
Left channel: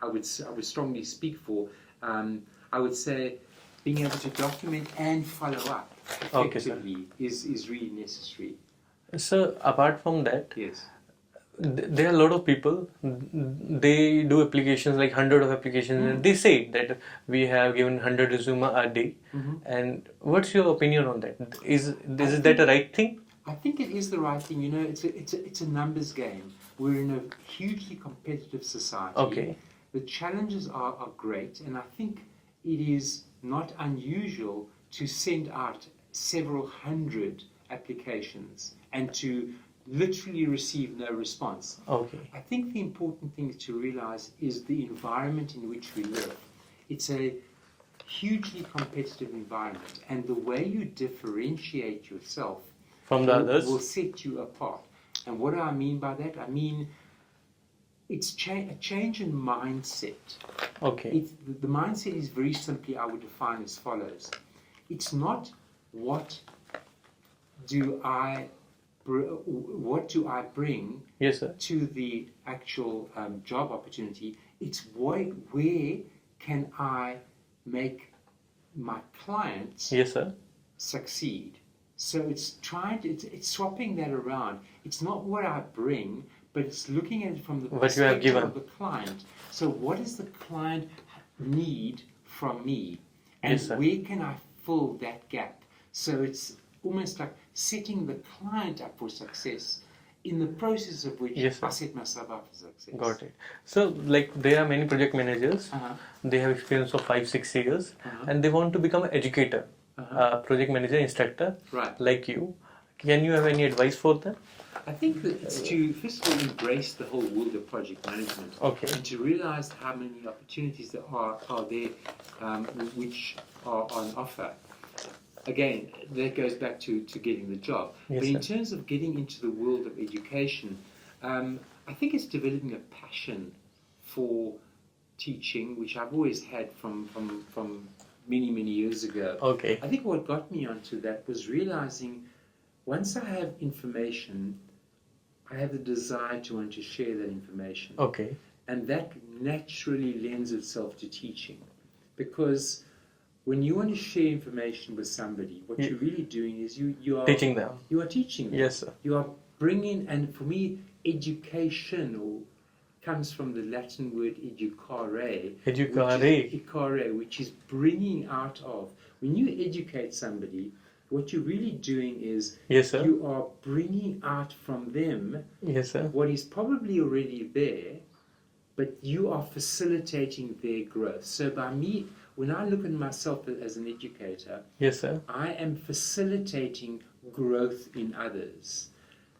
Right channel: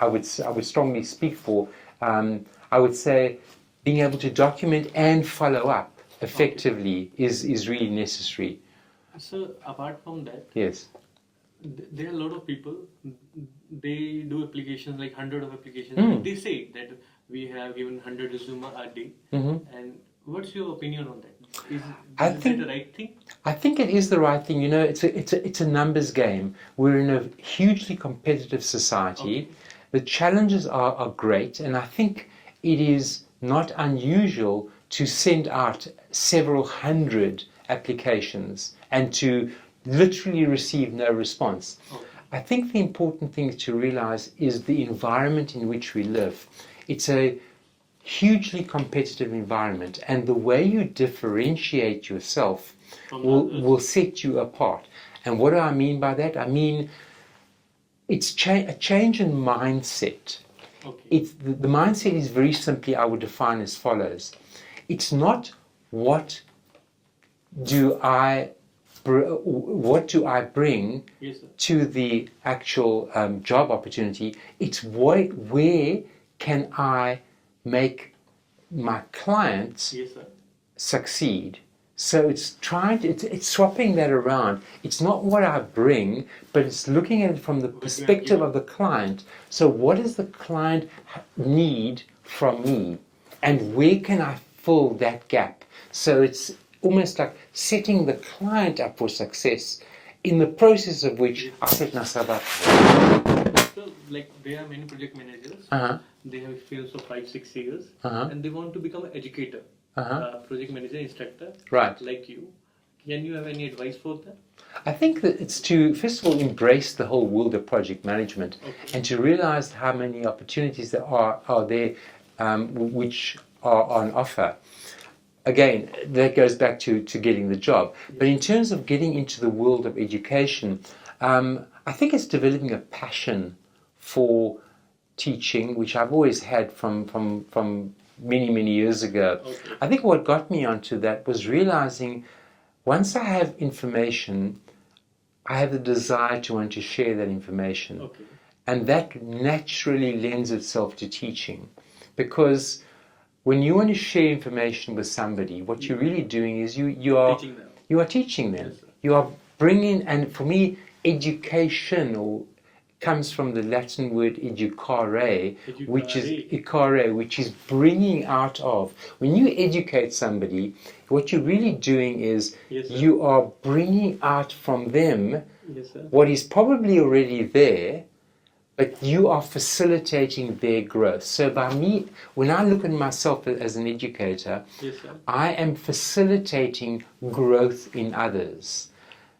I would strongly speak for. I would say being able to document and follow up effectively is really necessary. So apart from that, yes, there are a lot of people, they do applications, like 100 of applications. They say that we have given 100 resume a day. And what's your opinion on that? Is that a right thing? I think it is the right thing. You know, it's a numbers game. We're in a hugely competitive society. The challenges are great, and I think it is not unusual to send out several hundred applications and to literally receive no response. I think the important thing to realize is the environment in which we live. It's a hugely competitive environment, and the way you differentiate yourself from the others will set you apart. And what do I mean by that? I mean it's a change in mindset. The mindset is very simply, I would define as follows. It's not what do I bring to the actual job opportunity. It's where can I make my clients succeed. So it's it's swapping that around. It's not what I bring, but it's looking at it from the perspective of the client. So what does the client need from me, and where can I fill that gap? So it's almost like setting the client up for success, in the process of which I set myself up. So, like, there are many project managers. They have experience of 5-6 years, and they want to become an educator, project manager, instructor, like you. Can you have any advice for them? I think that it's to, first of all, embrace the whole world of project management, and to realize how many opportunities there are there which are on offer. Again, that goes back to getting the job. But in terms of getting into the world of education, I think it's developing a passion for teaching, which I've always had from many years ago. I think what got me onto that was realizing once I have information, I have the desire to want to share that information. And that naturally lends itself to teaching. Because when you want to share information with somebody, what you're really doing is you are teaching them. You are teaching them. Yes, sir. You are bringing, and for me, education comes from the Latin word educare, which is bringing out of. When you educate somebody, what you're really doing is you are bringing out from them what is probably already there, but you are facilitating their growth. So by me, when I look at myself as an educator, I am facilitating growth in others.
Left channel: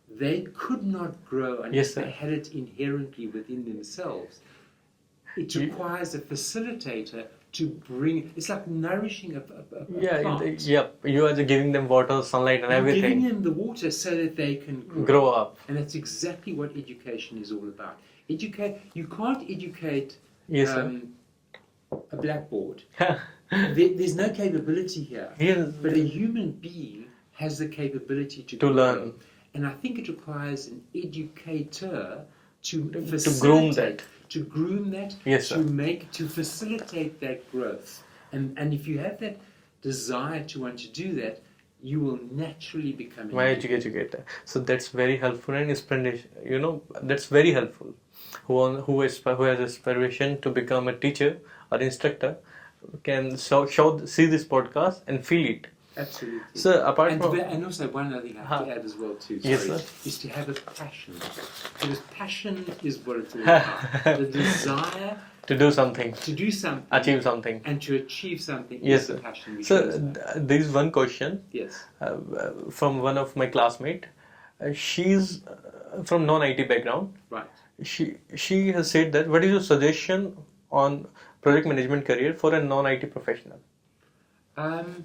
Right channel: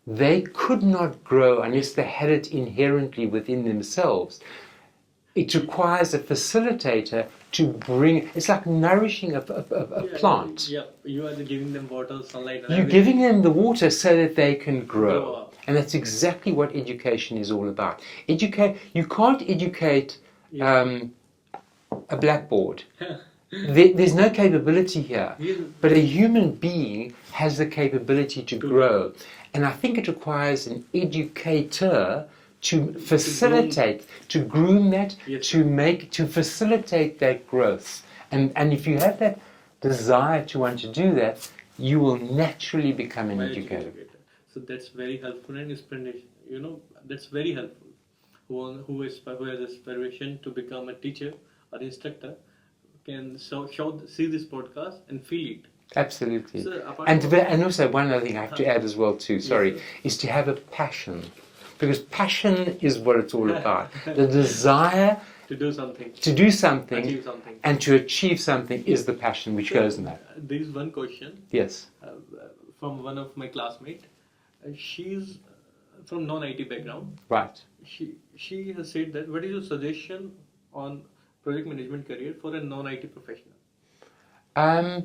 They could not grow unless they had it inherently within themselves. It requires a facilitator to bring, it's like nourishing a plant. You are giving them water, sunlight, and You're everything. giving them the water so that they can grow up. And that's exactly what education is all about. You can't educate a blackboard. There's no capability here. But a human being has the capability to grow. Learn. And I think it requires an educator to facilitate, to groom that, to facilitate that growth. And if you have that desire to want to do that, you will naturally become an educator. So that's very helpful and inspiration. That's very helpful. Who has aspiration to become a teacher or instructor can see this podcast and feel it. Absolutely. So and also one other thing I have to add as well too, is to have a passion. Because passion is what it's all about. The desire To do something. To do something. Achieve something. And to achieve something is the passion which goes in that. There is one question. Yes. From one of my classmates. She's from non-IT background. Right. She has said that, what is your suggestion on project management career for a non-IT professional?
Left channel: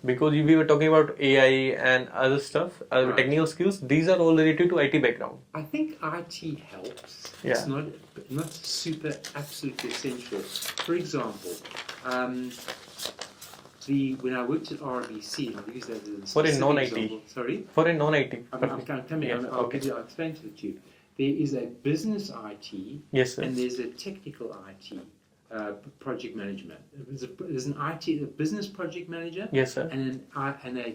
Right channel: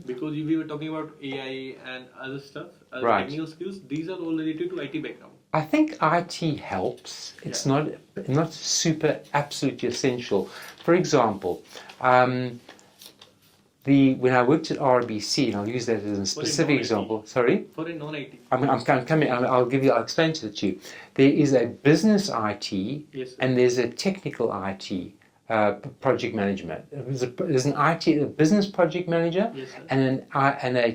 Because we were talking about AI and other stuff, right. technical skills. These are all related to IT background. I think IT helps. Yeah. It's not super absolutely essential. For example, when I worked at RBC, and I'll use that as a specific example. Sorry. For a non-IT. I'm coming. I'll explain it to you. There is a business IT, yes, sir. And there's a technical IT. Project management. There's an IT, a business project manager, yes, sir. and a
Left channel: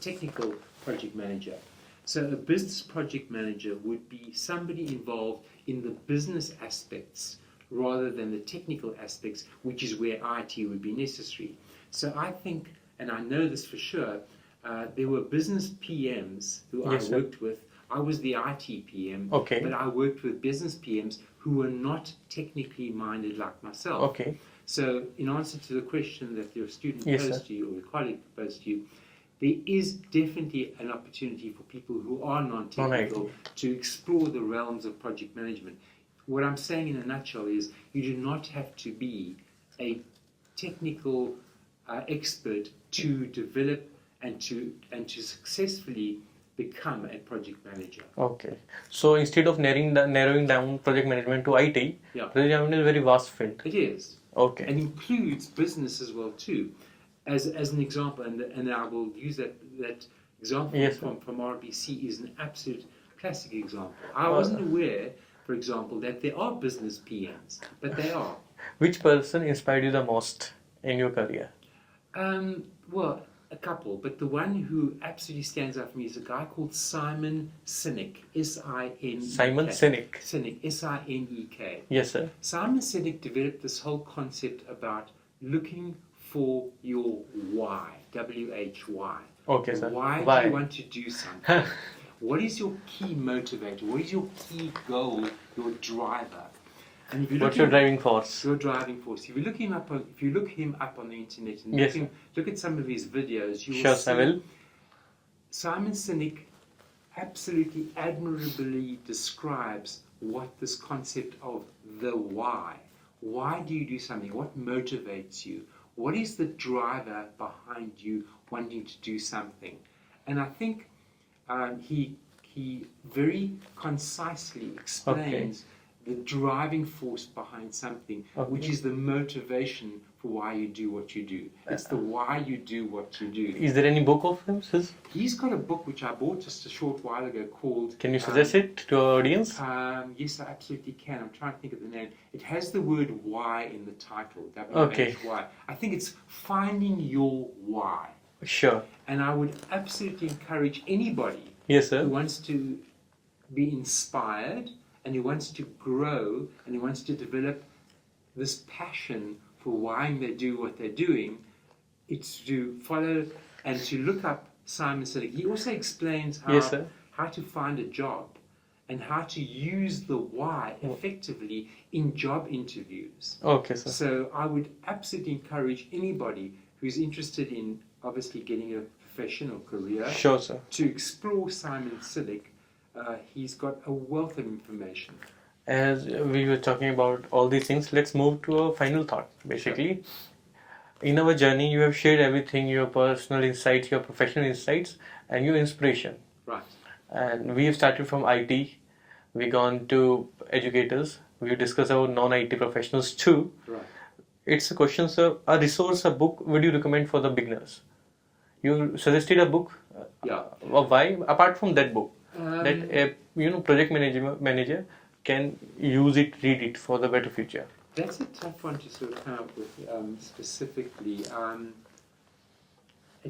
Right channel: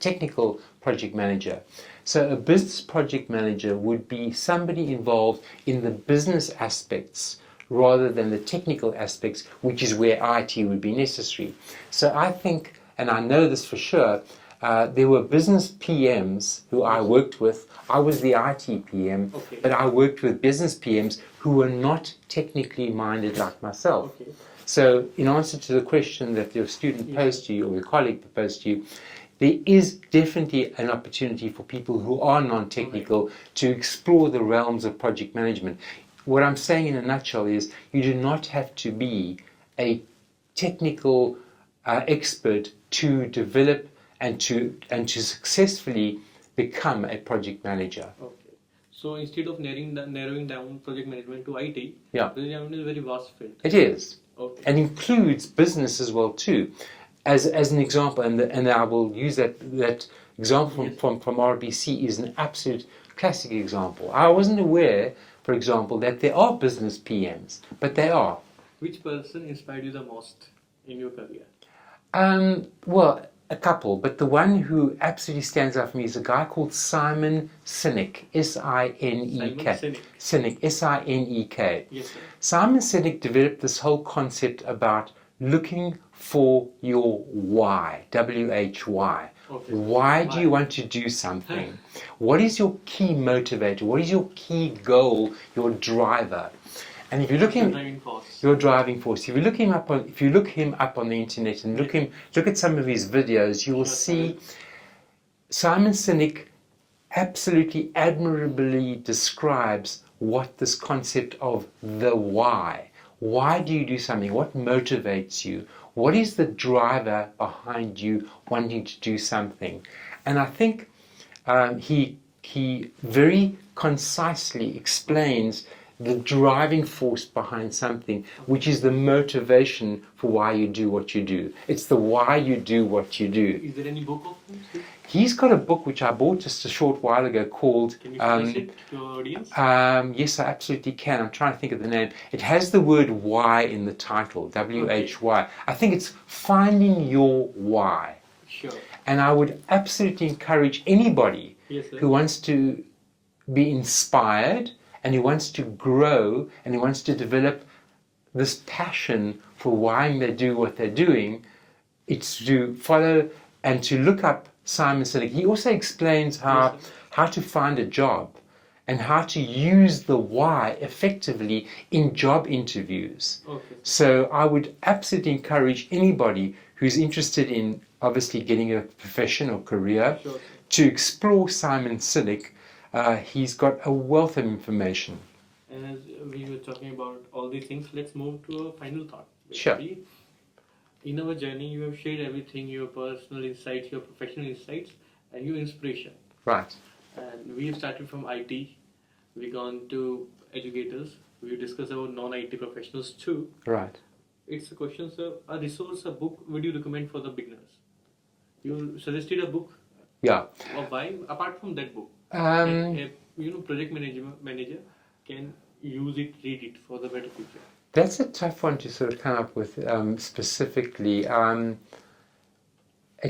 technical project manager. So a business project manager would be somebody involved in the business aspects rather than the technical aspects, which is where IT would be necessary. So I think, and I know this for sure, there were business PMs who I worked with. I was the IT PM, okay. But I worked with business PMs who were not technically minded like myself. Okay. So in answer to the question that your student posed to you, or your colleague posed to you, there is definitely an opportunity for people who are non-technical to explore the realms of project management. What I'm saying in a nutshell is you do not have to be a technical expert to develop and to successfully become a project manager. Okay. So instead of narrowing down project management to IT, project management is a very vast field. It is. Okay. And includes business as well too. As an example, and I will use that example from RBC is an absolute classic example. I wasn't aware, for example, that there are business PMs, but they are. Which person inspired you the most in your career? Well, a couple, but the one who absolutely stands out for me is a guy called Simon Sinek, S-I-N-E-K. Simon Sinek. Sinek, S-I-N-E-K. Yes, sir. Simon Sinek developed this whole concept about looking for your why, W-H-Y. Okay, sir. Why do you want to do something? What is your key motivator? What is your key goal, your driver? And if you look your driving force. Your driving force. If you look him up on the internet and look at some of his videos, you will see Simon Sinek absolutely admirably describes what this concept of the why. Why do you do something? What motivates you? What is the driver behind you wanting to do something? And I think he very concisely explains the driving force behind something, which is the motivation for why you do what you do. It's the why you do what you do. Is there any book of him? He's got a book which I bought just a short while ago called... Can you suggest it to our audience? Yes, I absolutely can. I'm trying to think of the name. It has the word why in the title, W-H-Y. I think it's Finding Your Why. Sure. And I would absolutely encourage anybody who wants to be inspired and who wants to grow and who wants to develop this passion for why they do what they're doing, it's to follow and to look up Simon Sinek. He also explains how to find a job and how to use the why effectively in job interviews. Okay, sir. So I would absolutely encourage anybody who's interested in obviously getting a profession or career to explore Simon Sinek. He's got a wealth of information. As we were talking about all these things, let's move to a final thought. Basically, in our journey, you have shared everything, your personal insights, your professional insights, and your inspiration. Right. And we have started from IT, we've gone to educators, we've discussed our non-IT professionals too. Right. It's a question, sir. A resource, a book, would you recommend for the beginners? You suggested a book. Why? Apart from that book, that a project manager can use it, read it for the better future. That's a tough one to sort of come up with specifically.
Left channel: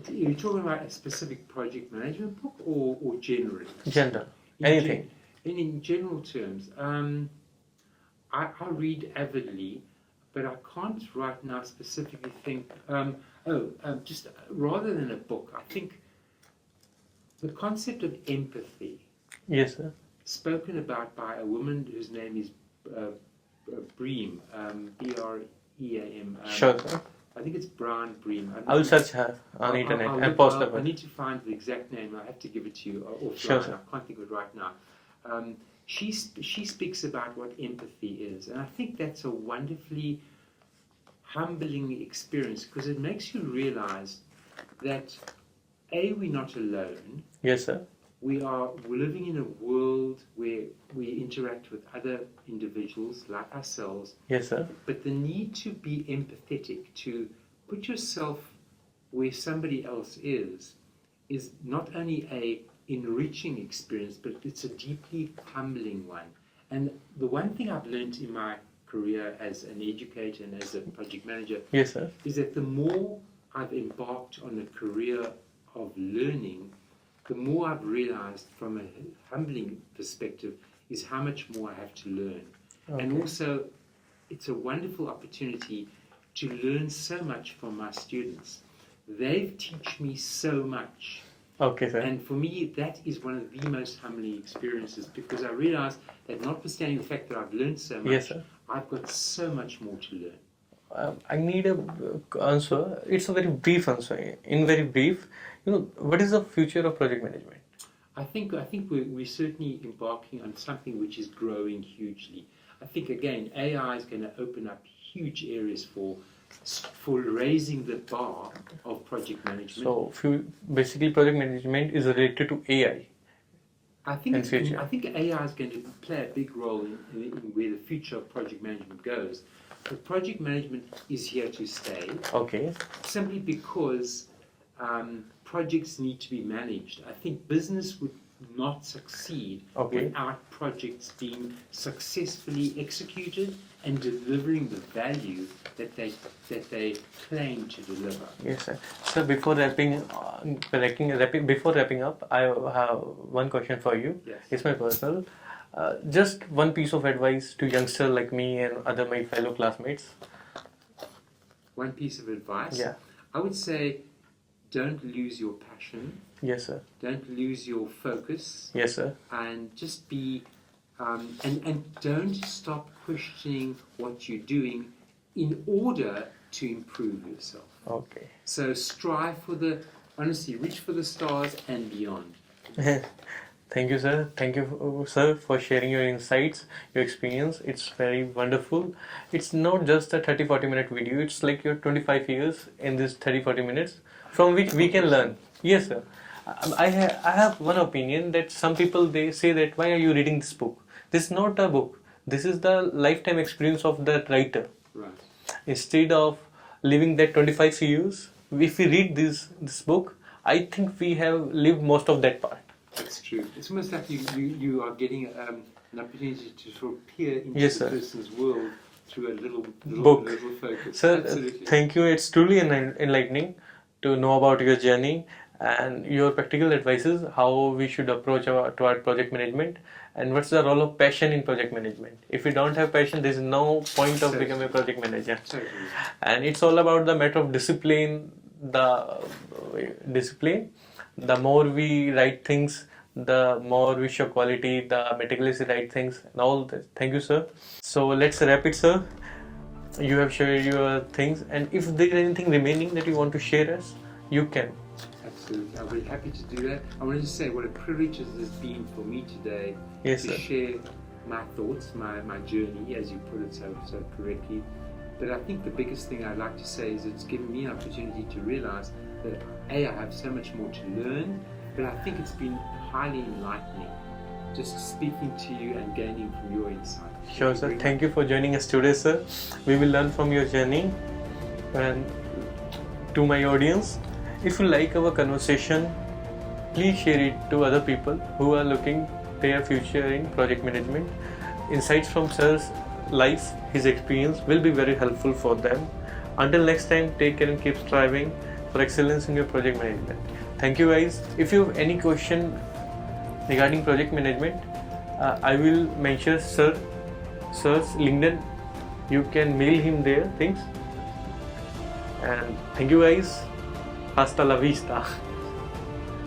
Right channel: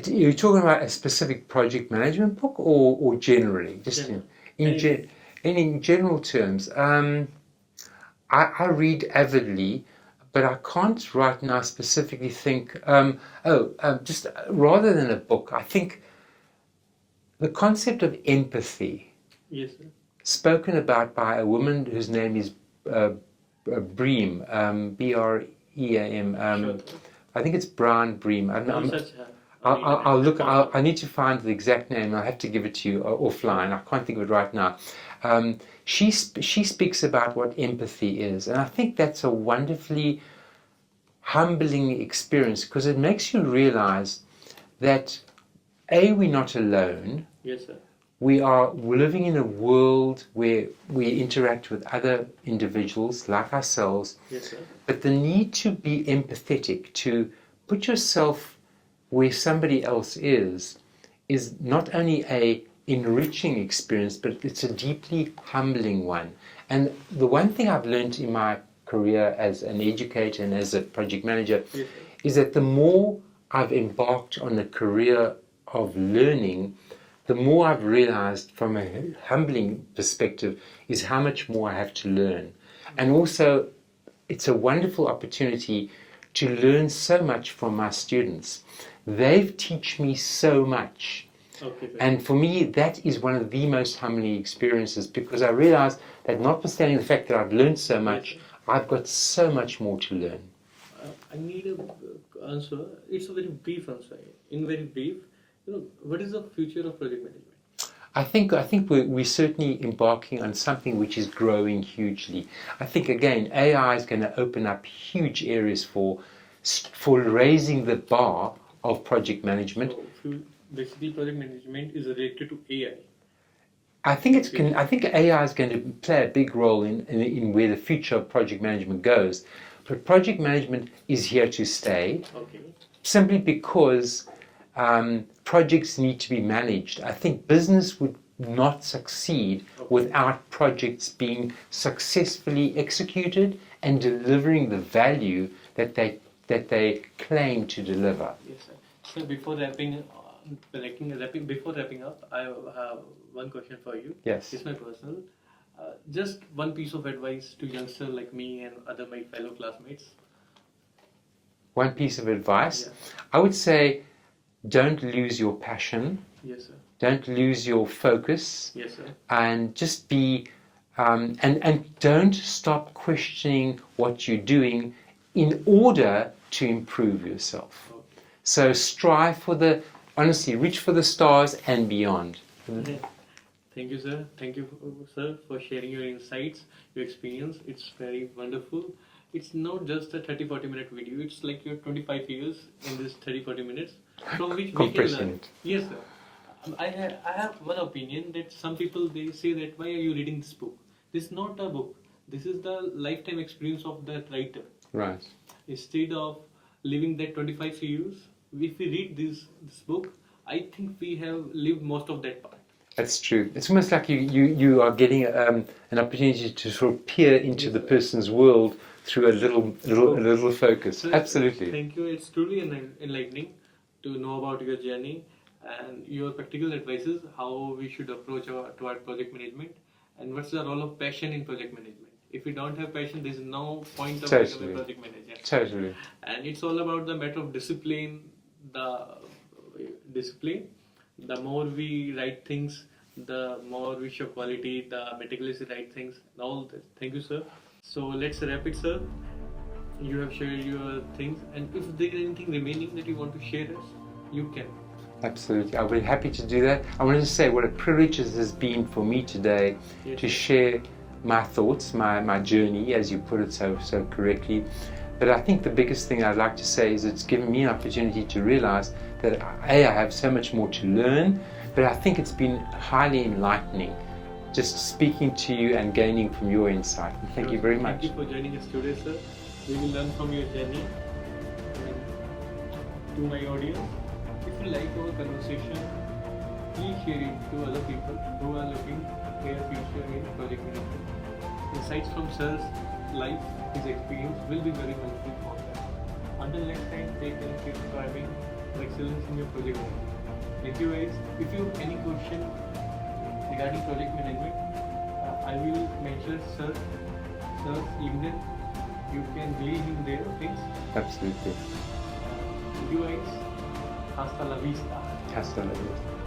You're talking about a specific project management book or generally? General. In general terms, I read avidly, but I can't right now specifically think, just rather than a book, I think the concept of empathy, yes, sir, spoken about by a woman whose name is Bream, B-R-E-A-M. Sure. I think it's Brown Bream. I'll search her on internet. I'll look. Post her. I need to find the exact name. I'll have to give it to you offline. Sure. I can't think of it right now. She speaks about what empathy is, and I think that's a wonderfully humbling experience because it makes you realize that we're not alone. Yes, sir. We're living in a world where we interact with other individuals like ourselves. Yes, sir. But the need to be empathetic, to put yourself where somebody else is not only a enriching experience, but it's a deeply humbling one. And the one thing I've learned in my career as an educator and as a project manager Yes, sir. is that the more I've embarked on a career of learning, the more I've realized from a humbling perspective is how much more I have to learn. And also, it's a wonderful opportunity to learn so much from my students. They've taught me so much. Okay, sir. And for me, that is one of the most humbling experiences because I realize that notwithstanding the fact that I've learned so much, Yes, I've got so much more to learn. I need a answer. It's a very brief answer. In very brief, what is the future of project management? I think we're certainly embarking on something which is growing hugely. I think again, AI is going to open up huge areas for raising the bar of project management. So basically, project management is related to AI. I think AI is going to play a big role in where the future of project management goes. But project management is here to stay. Okay. Simply because projects need to be managed. I think business would not succeed without projects being successfully executed and delivering the value that they claim to deliver. Yes, sir. So before wrapping up, I have one question for you. Yes. It's my personal. Just one piece of advice to youngsters like me and my fellow classmates. One piece of advice? Yeah. I would say don't lose your passion. Yes, sir. Don't lose your focus. Yes, sir. And just be, and don't stop questioning what you're doing in order to improve yourself. Okay. So strive honestly, reach for the stars and beyond. Thank you, sir. Thank you, sir, for sharing your insights, your experience. It's very wonderful. It's not just a 30-40 minute video. It's like your 25 years in this 30-40 minutes from which we can learn. Yes, sir. I have one opinion that some people, they say that why are you reading this book? This is not a book. This is the lifetime experience of that writer. Right. Instead of living that 25 years, if we read this book, I think we have lived most of that part. That's true. It's almost like you are getting an opportunity to sort of peer into the person's world through a little focus. Sir, absolutely. Thank you. It's truly enlightening to know about your journey and your practical advices, how we should approach toward project management, and what's the role of passion in project management. If we don't have passion, there is no point of becoming a project manager. Totally. And it's all about the matter of discipline. The more we write things, the more we show quality, the meticulously write things and all that. Thank you, sir. So let's wrap it, sir. You have shared your things, and if there is anything remaining that you want to share us, you can. Absolutely. I'll be happy to do that. I wanted to say what a privilege it has been for me today to share my thoughts, my journey, as you put it so correctly. But I think the biggest thing I'd like to say is it's given me an opportunity to realize that I have so much more to learn, but I think it's been highly enlightening just speaking to you and gaining from your insight. Thank you very much. Thank you for joining us today, sir. We will learn from your journey. And to my audience, if you like our conversation, please share it to other people who are looking their future in project management. Insights from sir's life, his experience will be very helpful for them. Until next time, take care and keep striving for excellence in your project management. Thank you, guys. If you have any question regarding project management, I will mention sir's LinkedIn. You can mail him there things. Absolutely. And thank you, guys. Hasta la vista. Hasta la vista.